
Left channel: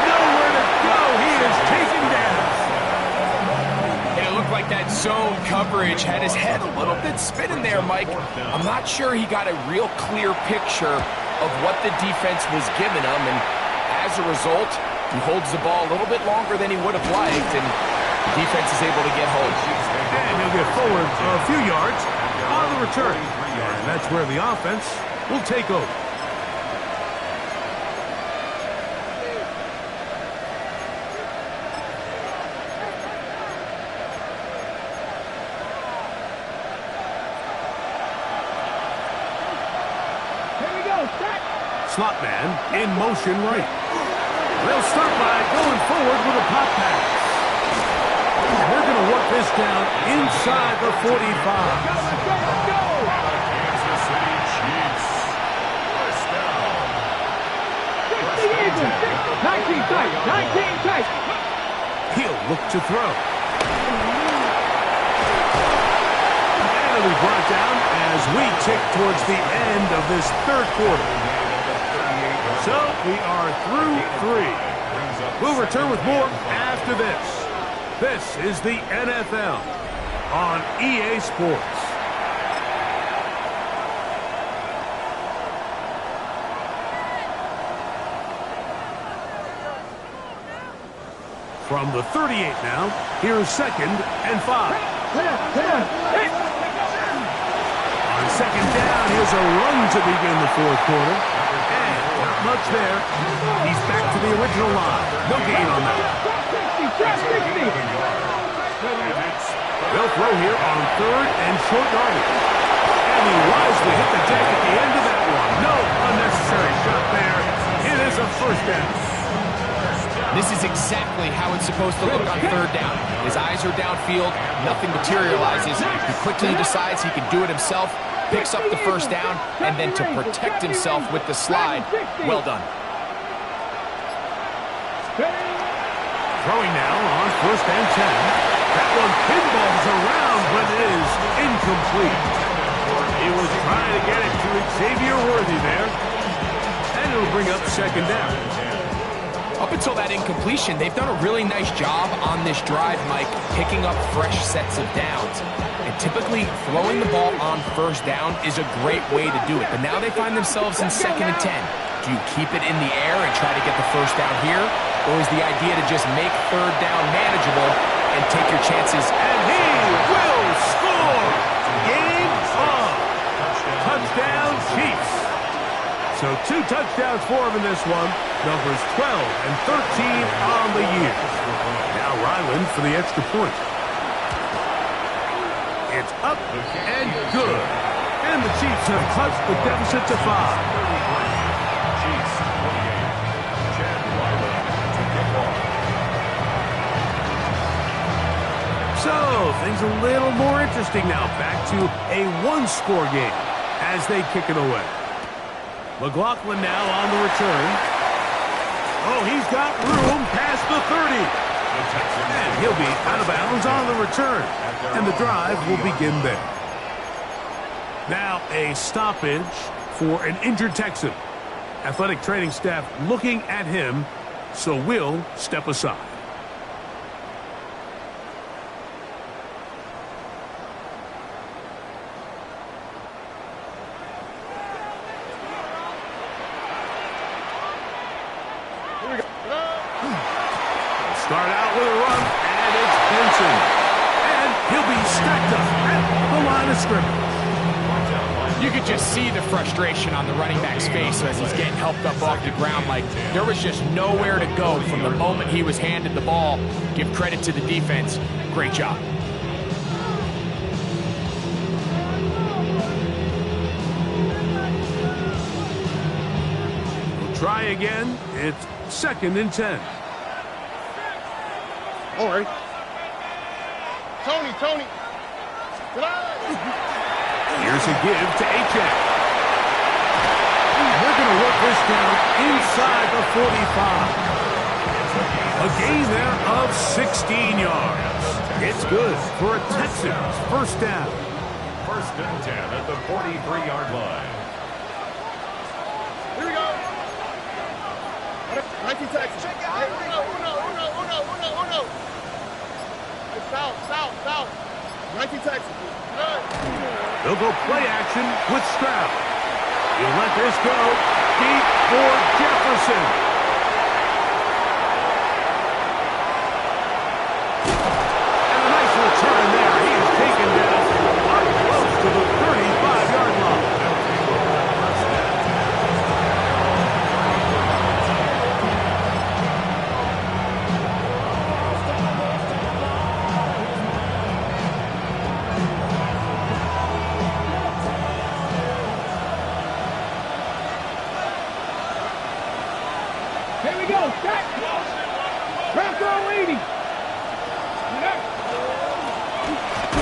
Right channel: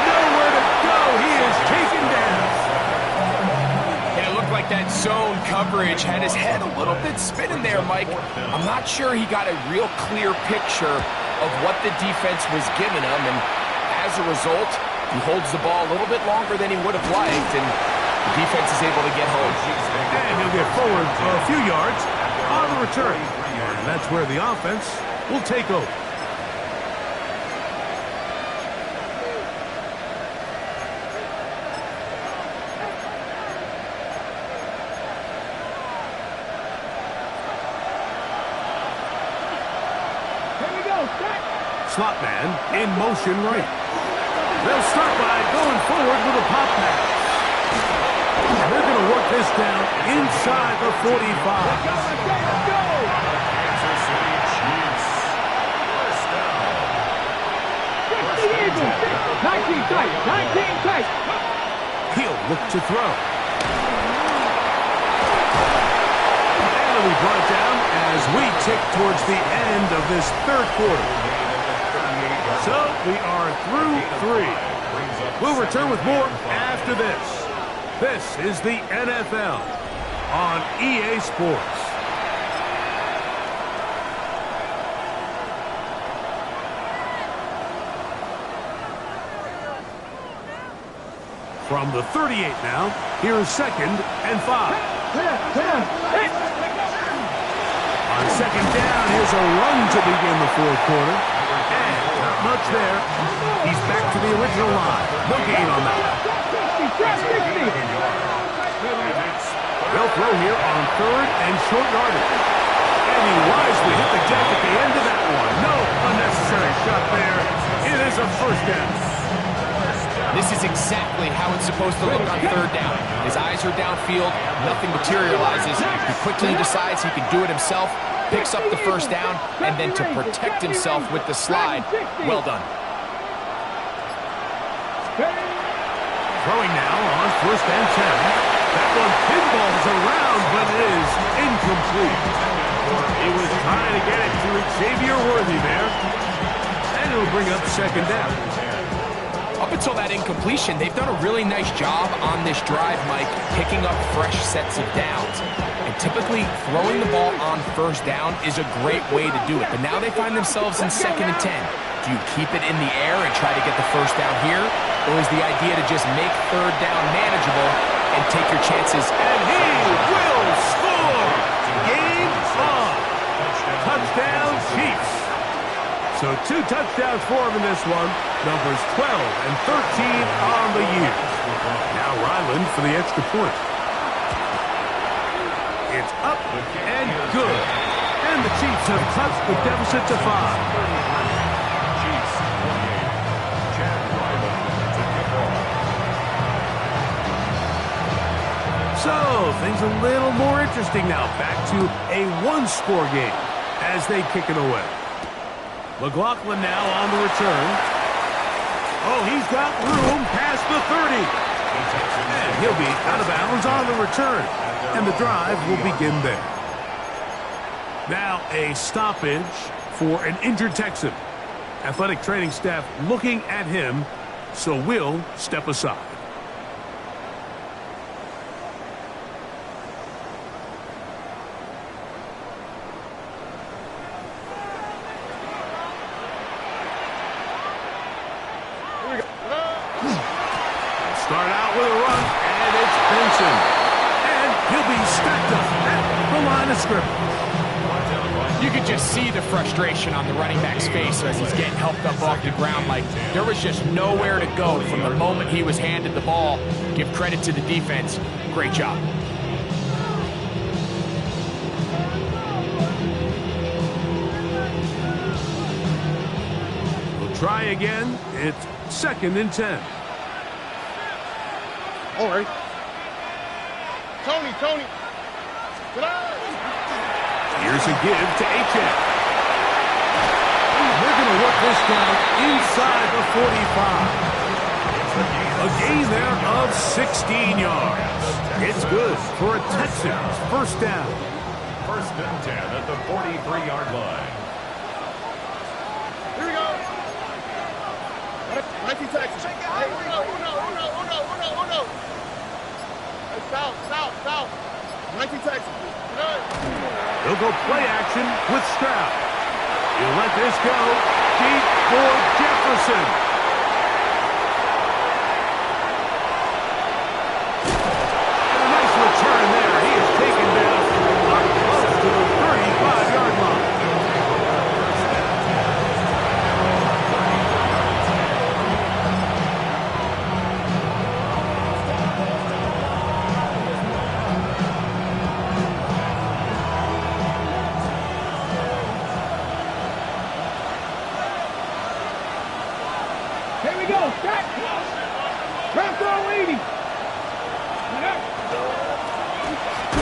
Nowhere to go. He is taken down. And it looked like that zone coverage had his head a little bit spinning there, Mike. I'm not sure he got a real clear picture of what the defense was giving him, and as a result, he holds the ball a little bit longer than he would have liked, and the defense is able to get home. And he'll get forward a few yards on the return. And that's where the offense will take over. Here we go, set. Slot man in motion right. They'll start by going forward with a pop pass. And they're going to work this down inside the 45. Let's go. Kansas City Chiefs. 1st down. 60 Eagles. 19 tight. He'll look to throw. And it'll be brought down as we tick towards the end of this 3rd quarter. So we are through 3. We'll return with more after this. This is the NFL on EA Sports. From the 38 now, here's 2nd and 5. On 2nd down, here's a run to begin the 4th quarter. And not much there. He's back to the original line. No gain on that. They'll throw here on 3rd and short yardage. And he wisely hit the deck at the end of that one. No unnecessary shot there. It is a 1st down. This is exactly how it's supposed to look on 3rd down. His eyes are downfield, nothing materializes. He quickly decides he can do it himself, picks up the 1st down, and then to protect himself with the slide, well done. Throwing now on 1st and 10. That one pinballs around, but it is incomplete. He was trying to get it to Xavier Worthy there. And it'll bring up 2nd down. Up until that incompletion, they've done a really nice job on this drive, Mike, picking up fresh sets of downs. And typically, throwing the ball on 1st down is a great way to do it. But now they find themselves in 2nd and 10. Do you keep it in the air and try to get the 1st down here? Or is the idea to just make 3rd down manageable and take your chances? And he will score! Game on! Touchdown Chiefs! So 2 touchdowns for him in this one. Numbers 12 and 13 on the year. Now Ryland for the extra point. It's up and good. And the Chiefs have cut the deficit to 5. Chiefs 28. So, things a little more interesting now. Back to a one-score game as they kick it away. McLaughlin now on the return. Oh, he's got room past the 30. And he'll be out of bounds on the return. And the drive will begin there. Now a stoppage for an injured Texan. Athletic training staff looking at him, so we'll step aside. Start out with a run, and it's Benson. And he'll be stacked up at the line of scrimmage. You could just see the frustration on the running back's face as he's getting helped up off the ground. Like, there was just nowhere to go from the moment he was handed the ball. Give credit to the defense. Great job. We'll try again. It's 2nd and 10. All right. Tony. Get out. Here's a give to H.F. They're going to work this down inside the 45. A gain there of 16 yards. It's good for a Texans first down. 1st and 10 at the 43-yard line. Here we go. 19 Texans. Hey, uno. Hey, south. 19 Texans. They'll go play action with Stroud. He'll let this go deep for Jefferson. And a nice return there. He is taken down up close to the 35-yard line. Here we go. Stack. Round throw 80.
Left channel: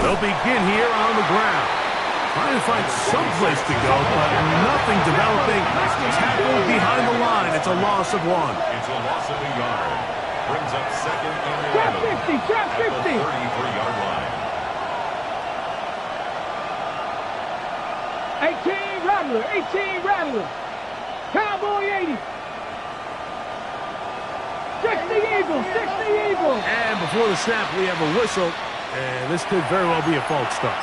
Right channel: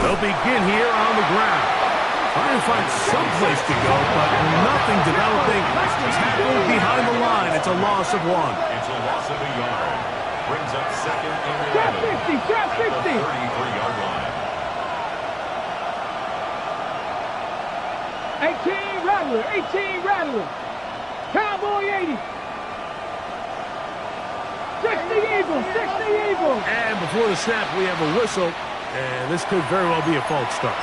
They'll begin here on the ground. Trying to find some place to go, but nothing developing. Tackled behind the line. It's a loss of 1. It's a loss of a yard. Brings up 2nd and 11. Trap 50. At the 33-yard line. 18 Rattler. Cowboy 80. 60 Eagles. And before the snap, we have a whistle, and this could very well be a false start.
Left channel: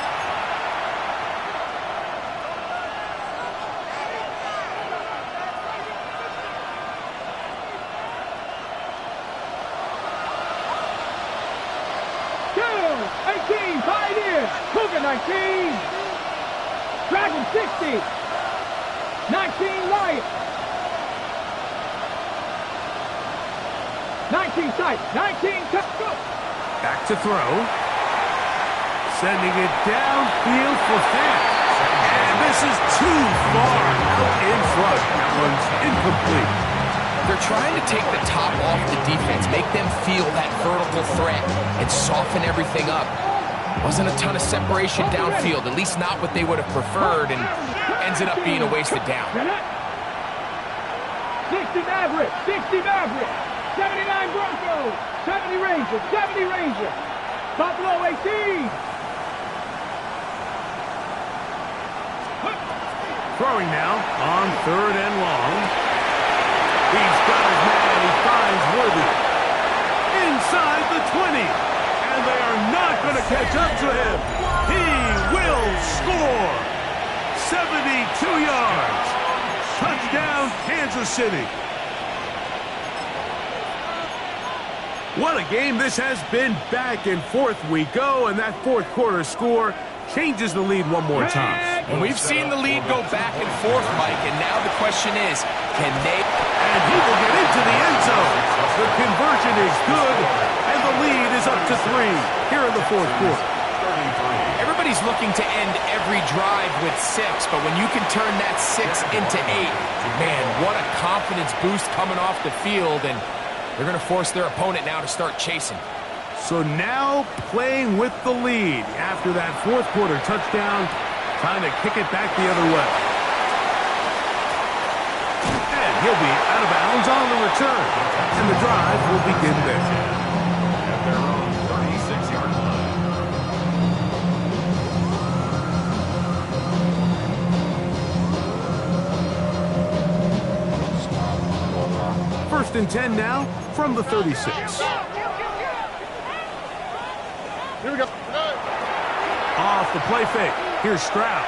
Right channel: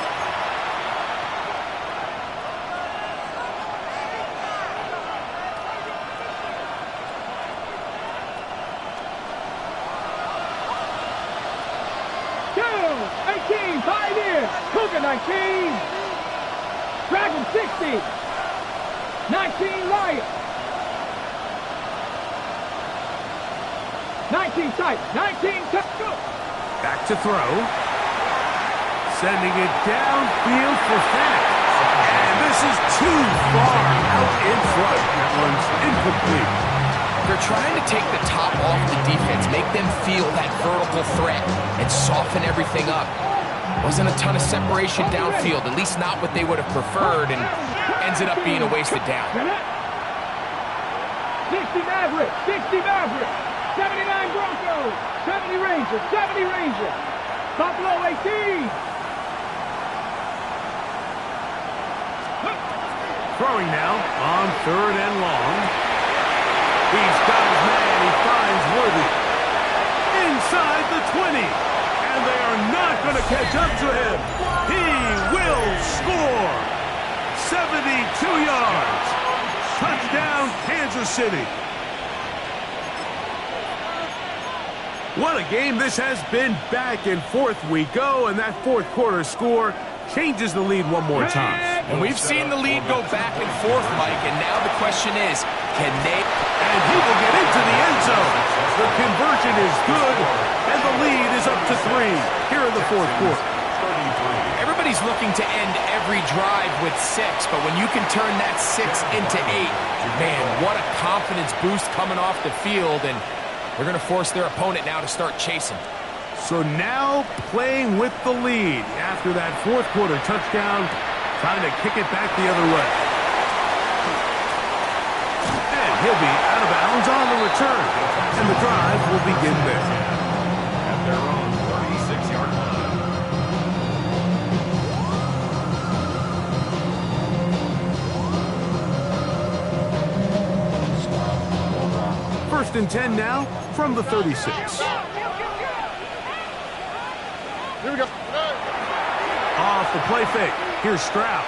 Two, 18, Pioneer. Cougar 19. Dragon 60. 19 Lion. 19 tight. 19 tight. Go. Back to throw. Sending it downfield for Fant. And this is too far out in front. That one's incomplete. They're trying to take the top off the defense, make them feel that vertical threat, and soften everything up. Wasn't a ton of separation downfield, at least not what they would have preferred, and ends it up being a wasted down. 60 Maverick. 79 Broncos. 70 Ranger. Buffalo 18. Throwing now on 3rd and long. He's got his man. He finds Worthy. Inside the 20. And they are not going to catch up to him. He will score. 72 yards. Touchdown, Kansas City. What a game this has been. Back and forth we go, and that 4th quarter score changes the lead one more time. And we've seen the lead go back and forth, Mike, and now the question is, can they? And he will get into the end zone. The conversion is good, and the lead is up to 3 here in the 4th quarter. Everybody's looking to end every drive with 6, but when you can turn that 6 into 8, man, what a confidence boost coming off the field, and they're going to force their opponent now to start chasing. So now playing with the lead after that fourth quarter touchdown, trying to kick it back the other way. And he'll be out of bounds on the return. And the drive will begin there. At their own 36-yard line. First and 10 now from the 36. Here we go. Off the play fake. Here's Stroud.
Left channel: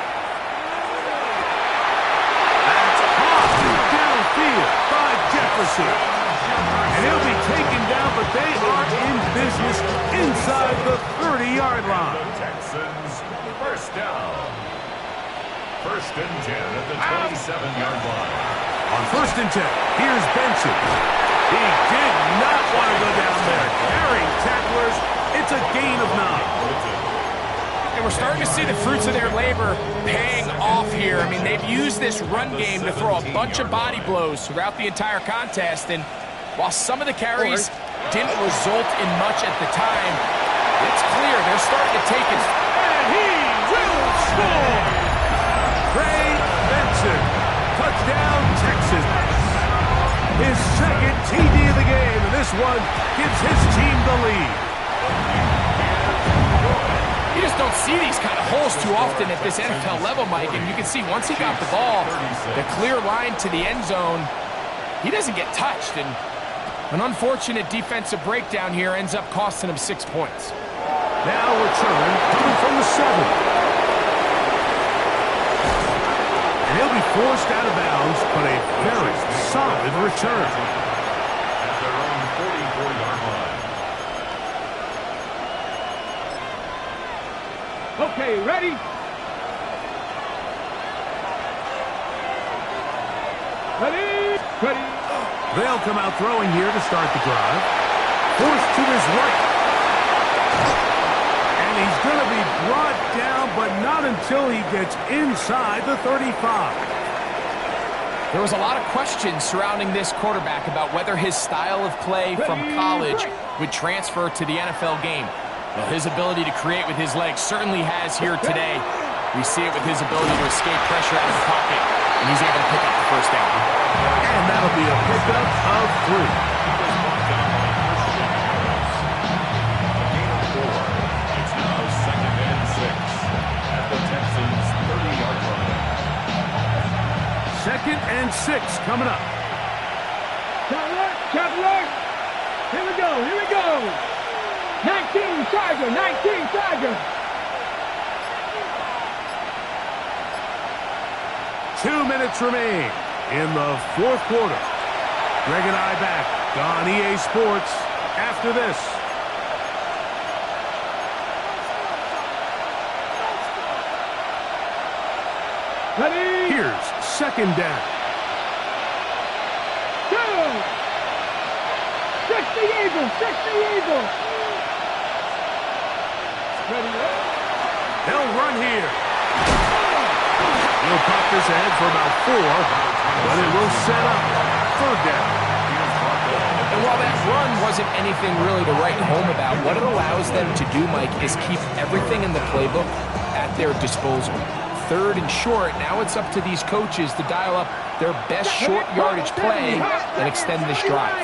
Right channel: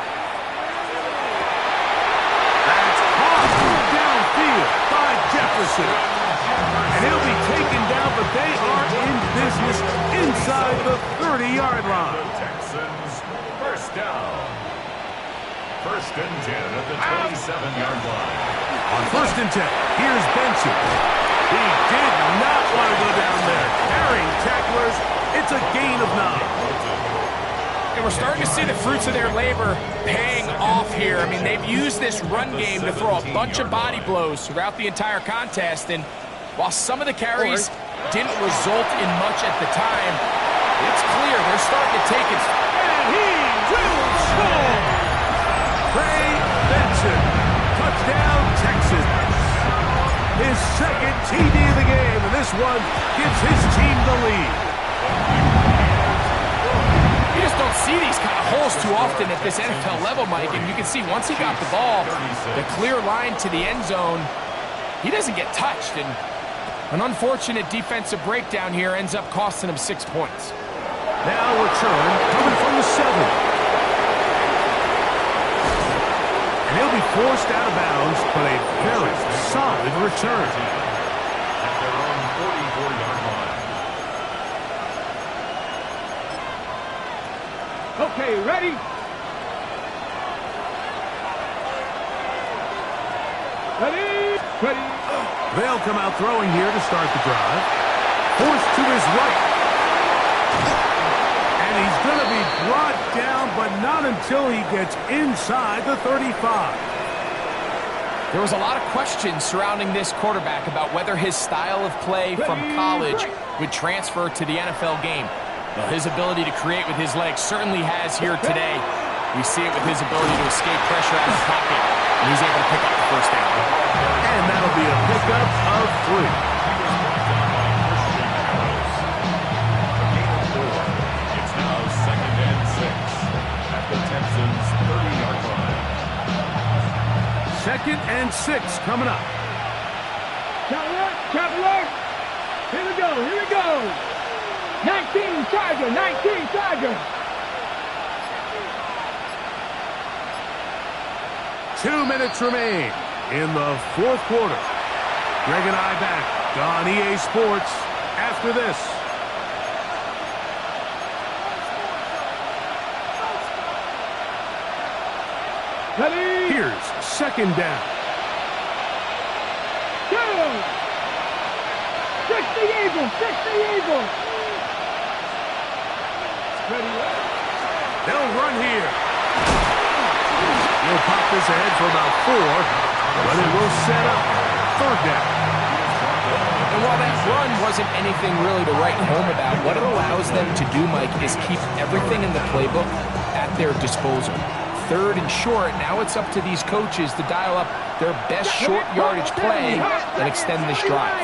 That's caught downfield by Jefferson. And he'll be taken down, but they are in business inside the 30-yard line. The Texans first down. First and 10 at the 27-yard line. On first and 10, here's Benson. He did not want to go down there. Carrying tacklers, it's a gain of 9. And we're starting to see the fruits of their labor paying off here. I mean, they've used this run game to throw a bunch of body blows throughout the entire contest. And while some of the carries didn't result in much at the time, it's clear they're starting to take it. And he will score! Trey Benson, touchdown Texans. His second TD of the game, and this one gives his team the lead. You just don't see these kind of holes too often at this NFL level, Mike, and you can see once he got the ball, the clear line to the end zone, he doesn't get touched, and an unfortunate defensive breakdown here ends up costing him 6 points. Now return coming from the 7. And he'll be forced out of bounds, but a very solid return. At their own 44-yard line. Okay, ready? Ready? Ready? They'll come out throwing here to start the drive. Forced to his right. And he's going to be brought down, but not until he gets inside the 35. There was a lot of questions surrounding this quarterback about whether his style of play from college would transfer to the NFL game. Well, his ability to create with his legs certainly has here today. We see it with his ability to escape pressure out of the pocket, and he's able to pick up the first down. And that'll be a pickup of 3. He was brought down by Christian Harris. A gain of 4. It's now second and 6 at the Texans' 30-yard line. Second and 6 coming up. Traveler. Here we go, here we go. 19 Tiger, 19 Tiger. 2 minutes remain in the fourth quarter. Greg and I back on EA Sports after this. Ready? Here's second down. 2. 60 Eagles, 60 Eagles. Ready? They'll run here. He'll pop this ahead for about 4, but it will set up third down. And while that run wasn't anything really to write home about, what it allows them to do, Mike, is keep everything in the playbook at their disposal. Third and short, now it's up to these coaches to dial up their best short yardage play and extend this drive.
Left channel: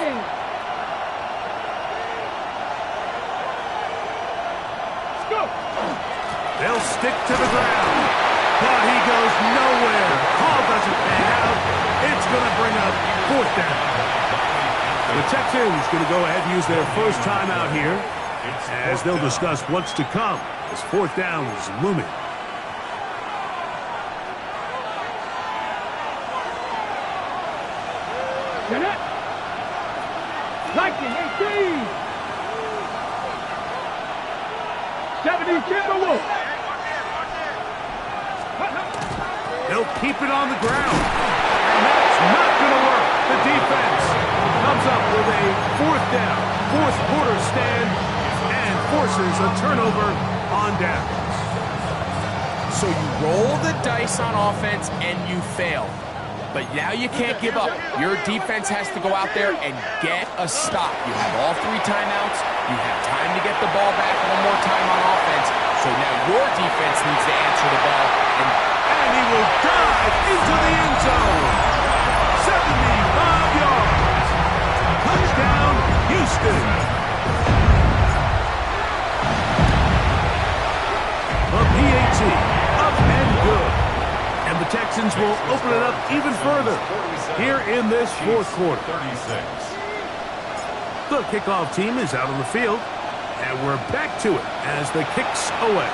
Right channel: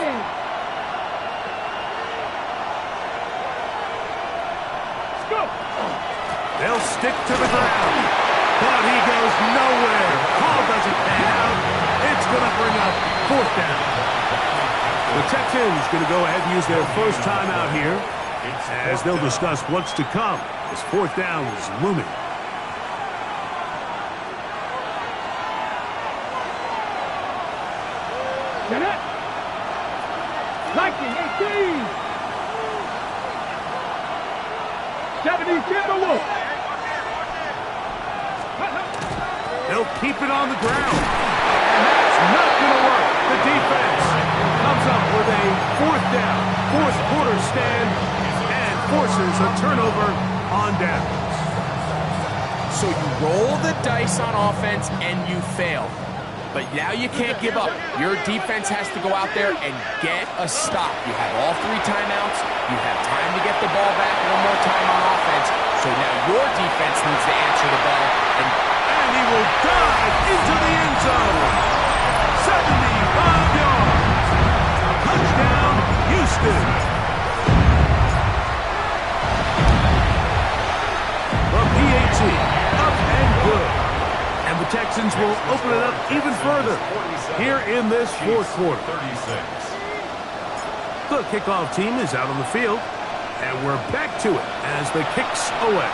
They'll stick to the ground, but he goes nowhere. Call doesn't pan out. It's going to bring up fourth down. The Texans going to go ahead and use their first timeout here, as they'll discuss what's to come as fourth down is looming. Get it. Lightning, 18. 70 Timberwolves. They'll keep it on the ground, and that's not going to work. The defense comes up with a fourth down, fourth quarter stand, and forces a turnover on downs. So you roll the dice on offense and you fail. But now you can't give up. Your defense has to go out there and get a stop. You have all 3 timeouts. You have time to get the ball back one more time on offense. So now your defense needs to answer the bell. And he will dive into the end zone. 75 yards. Touchdown, Houston. The PAT, up and good. And the Texans will open it up even further here in this fourth quarter. The kickoff team is out on the field, and we're back to it as the kicks away.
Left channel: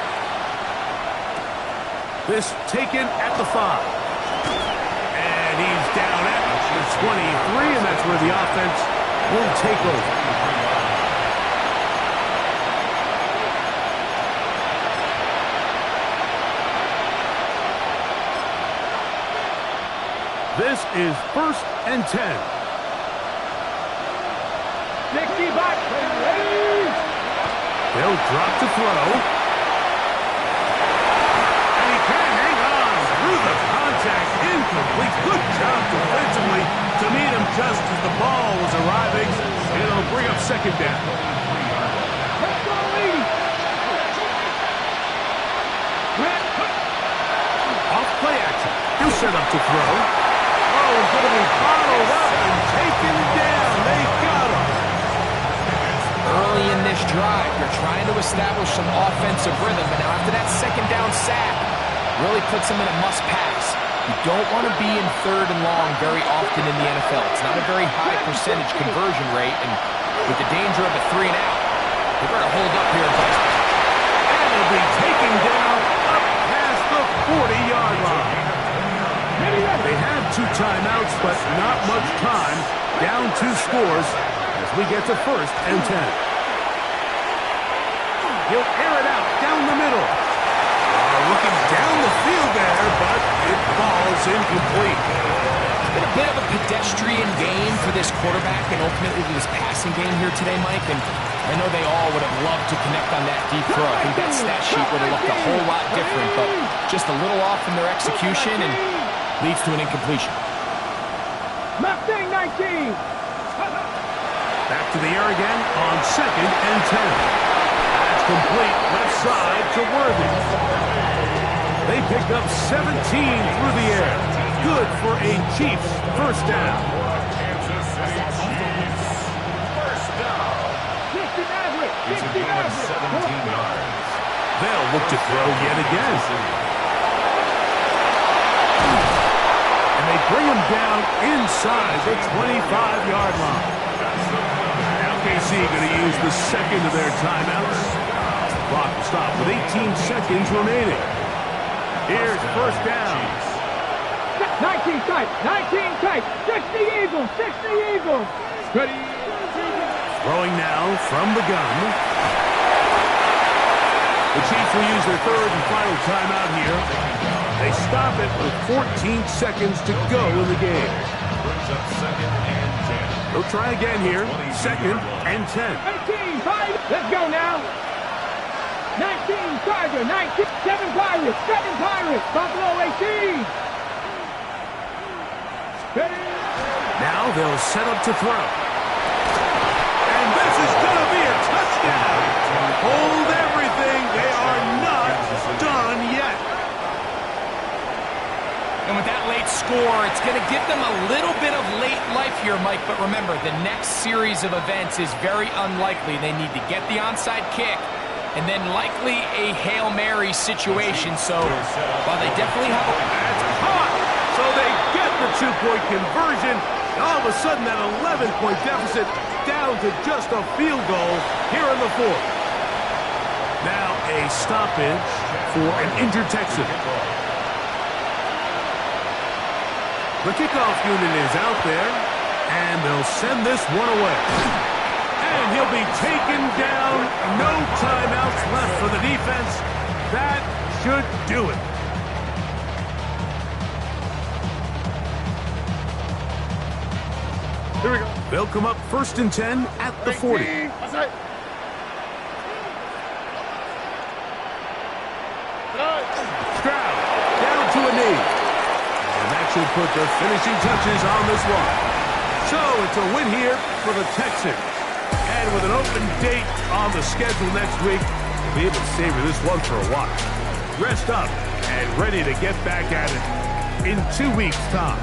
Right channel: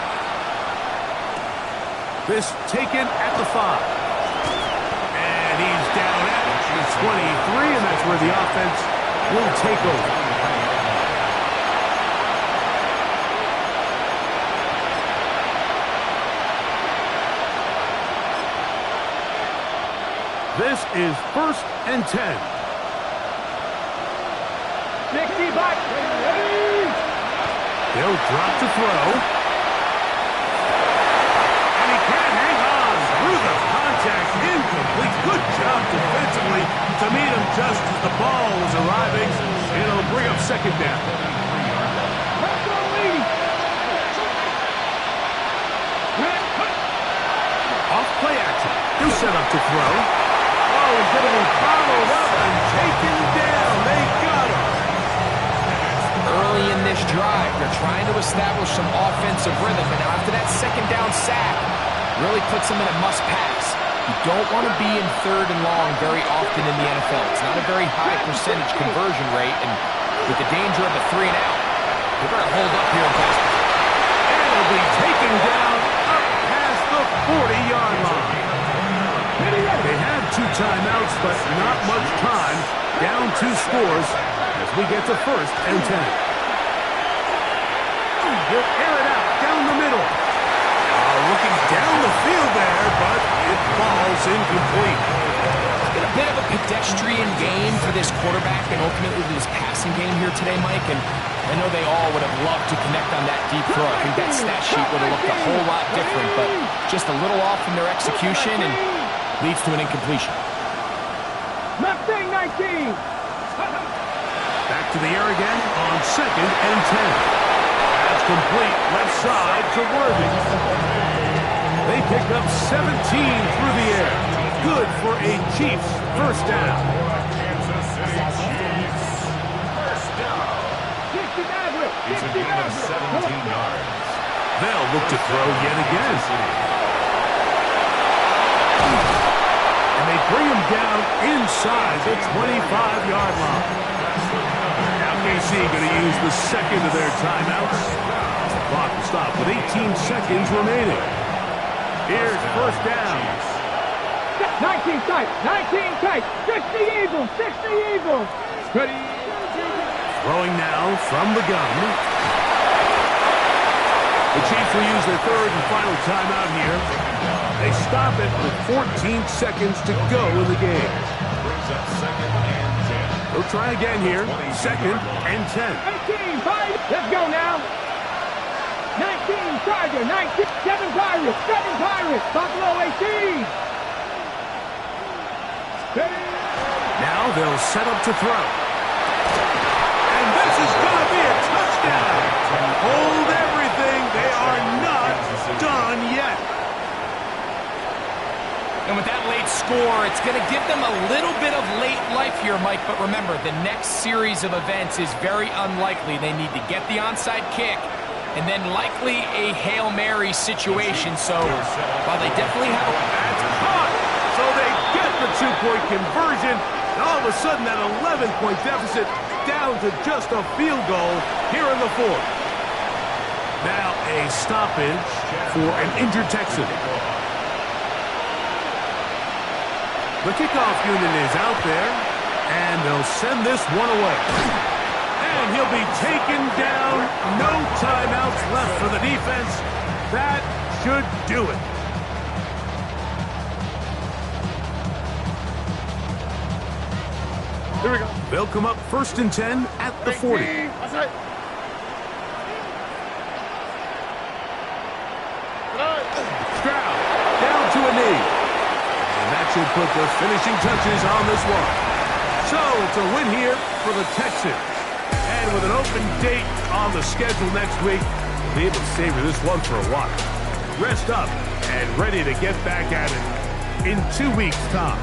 This taken at the 5. And he's down at the 23, and that's where the offense will take over. This is 1st and 10. 60 back. Ready. They'll drop to throw. And he can't hang on through the contact. Incomplete. Good job defensively to meet him just as the ball was arriving. It'll bring up 2nd down. Let's go, ladies. Off play action. He'll set up to throw. Oh, he's going to be bottled up and taken down. They got him. Early in this drive, they're trying to establish some offensive rhythm, but now after that 2nd down sack, really puts them in a must-pass. You don't want to be in 3rd and long very often in the NFL. It's not a very high percentage conversion rate, and with the danger of a 3 and out, they're going to hold up here in pass protection. And it'll be taken down up past the 40-yard line. They have 2 timeouts, but not much time. Down 2 scores as we get to 1st and 10. He'll air it out down the middle. Looking down the field there, but it falls incomplete. It's been a bit of a pedestrian game for this quarterback and ultimately this passing game here today, Mike. And I know they all would have loved to connect on that deep throw. I think that stat sheet would have looked a whole lot different, but just a little off in their execution and leads to an incompletion. Mustang 19. Back to the air again on 2nd and 10. That's complete left side to Worthy. They pick up 17 through the air. Good for a Chiefs 1st down. Kansas City Chiefs. 1st down. 60 average. It's a 60 gain of average. 17 yards. They'll look to throw yet again. And they bring him down inside the 25-yard line. Now KC going to use the 2nd of their timeouts. The clock will stop with 18 seconds remaining. Here's 1st down. 19 tight. 19 tight. 60 Eagles. 60 Eagles. Ready. Throwing now from the gun. The Chiefs will use their 3rd and final timeout here. They stop it with 14 seconds to go in the game. Brings up 2nd and 10. They'll try again here. 2nd and 10. 18 Pirates. Let's go now. 19 Charger. 19. 7 Pirates. 7 Pirates. Buffalo 18. Ready. Now they'll set up to throw. And this is going to be a touchdown. Hold everything. They are not done yet. And with that late score, it's going to give them a little bit of late life here, Mike. But remember, the next series of events is very unlikely. They need to get the onside kick and then likely a Hail Mary situation. So while they definitely have a... That's caught. So they get the 2-point conversion. And all of a sudden, that 11-point deficit down to just a field goal here in the 4th. Now a stoppage for an injured Texan. The kickoff unit is out there, and they'll send this one away. And he'll be taken down. No timeouts left for the defense. That should do it. Here we go. They'll come up 1st and 10 at the 40. That's it. Stroud down to a knee. And that should put the finishing touches on this one. So it's a win here for the Texans. And with an open date on the schedule next week, we'll be able to savor this one for a while. Rest up and ready to get back at it in 2 weeks' time.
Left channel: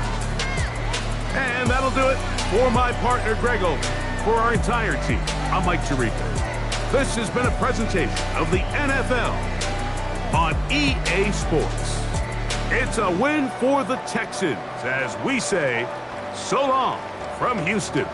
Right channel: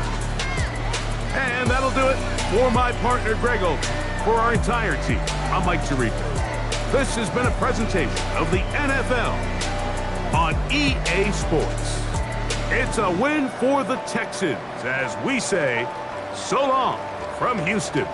And that'll do it for my partner, Greg Oak. For our entire team, I'm Mike Tirico. This has been a presentation of the NFL on EA Sports. It's a win for the Texans as we say so long from Houston.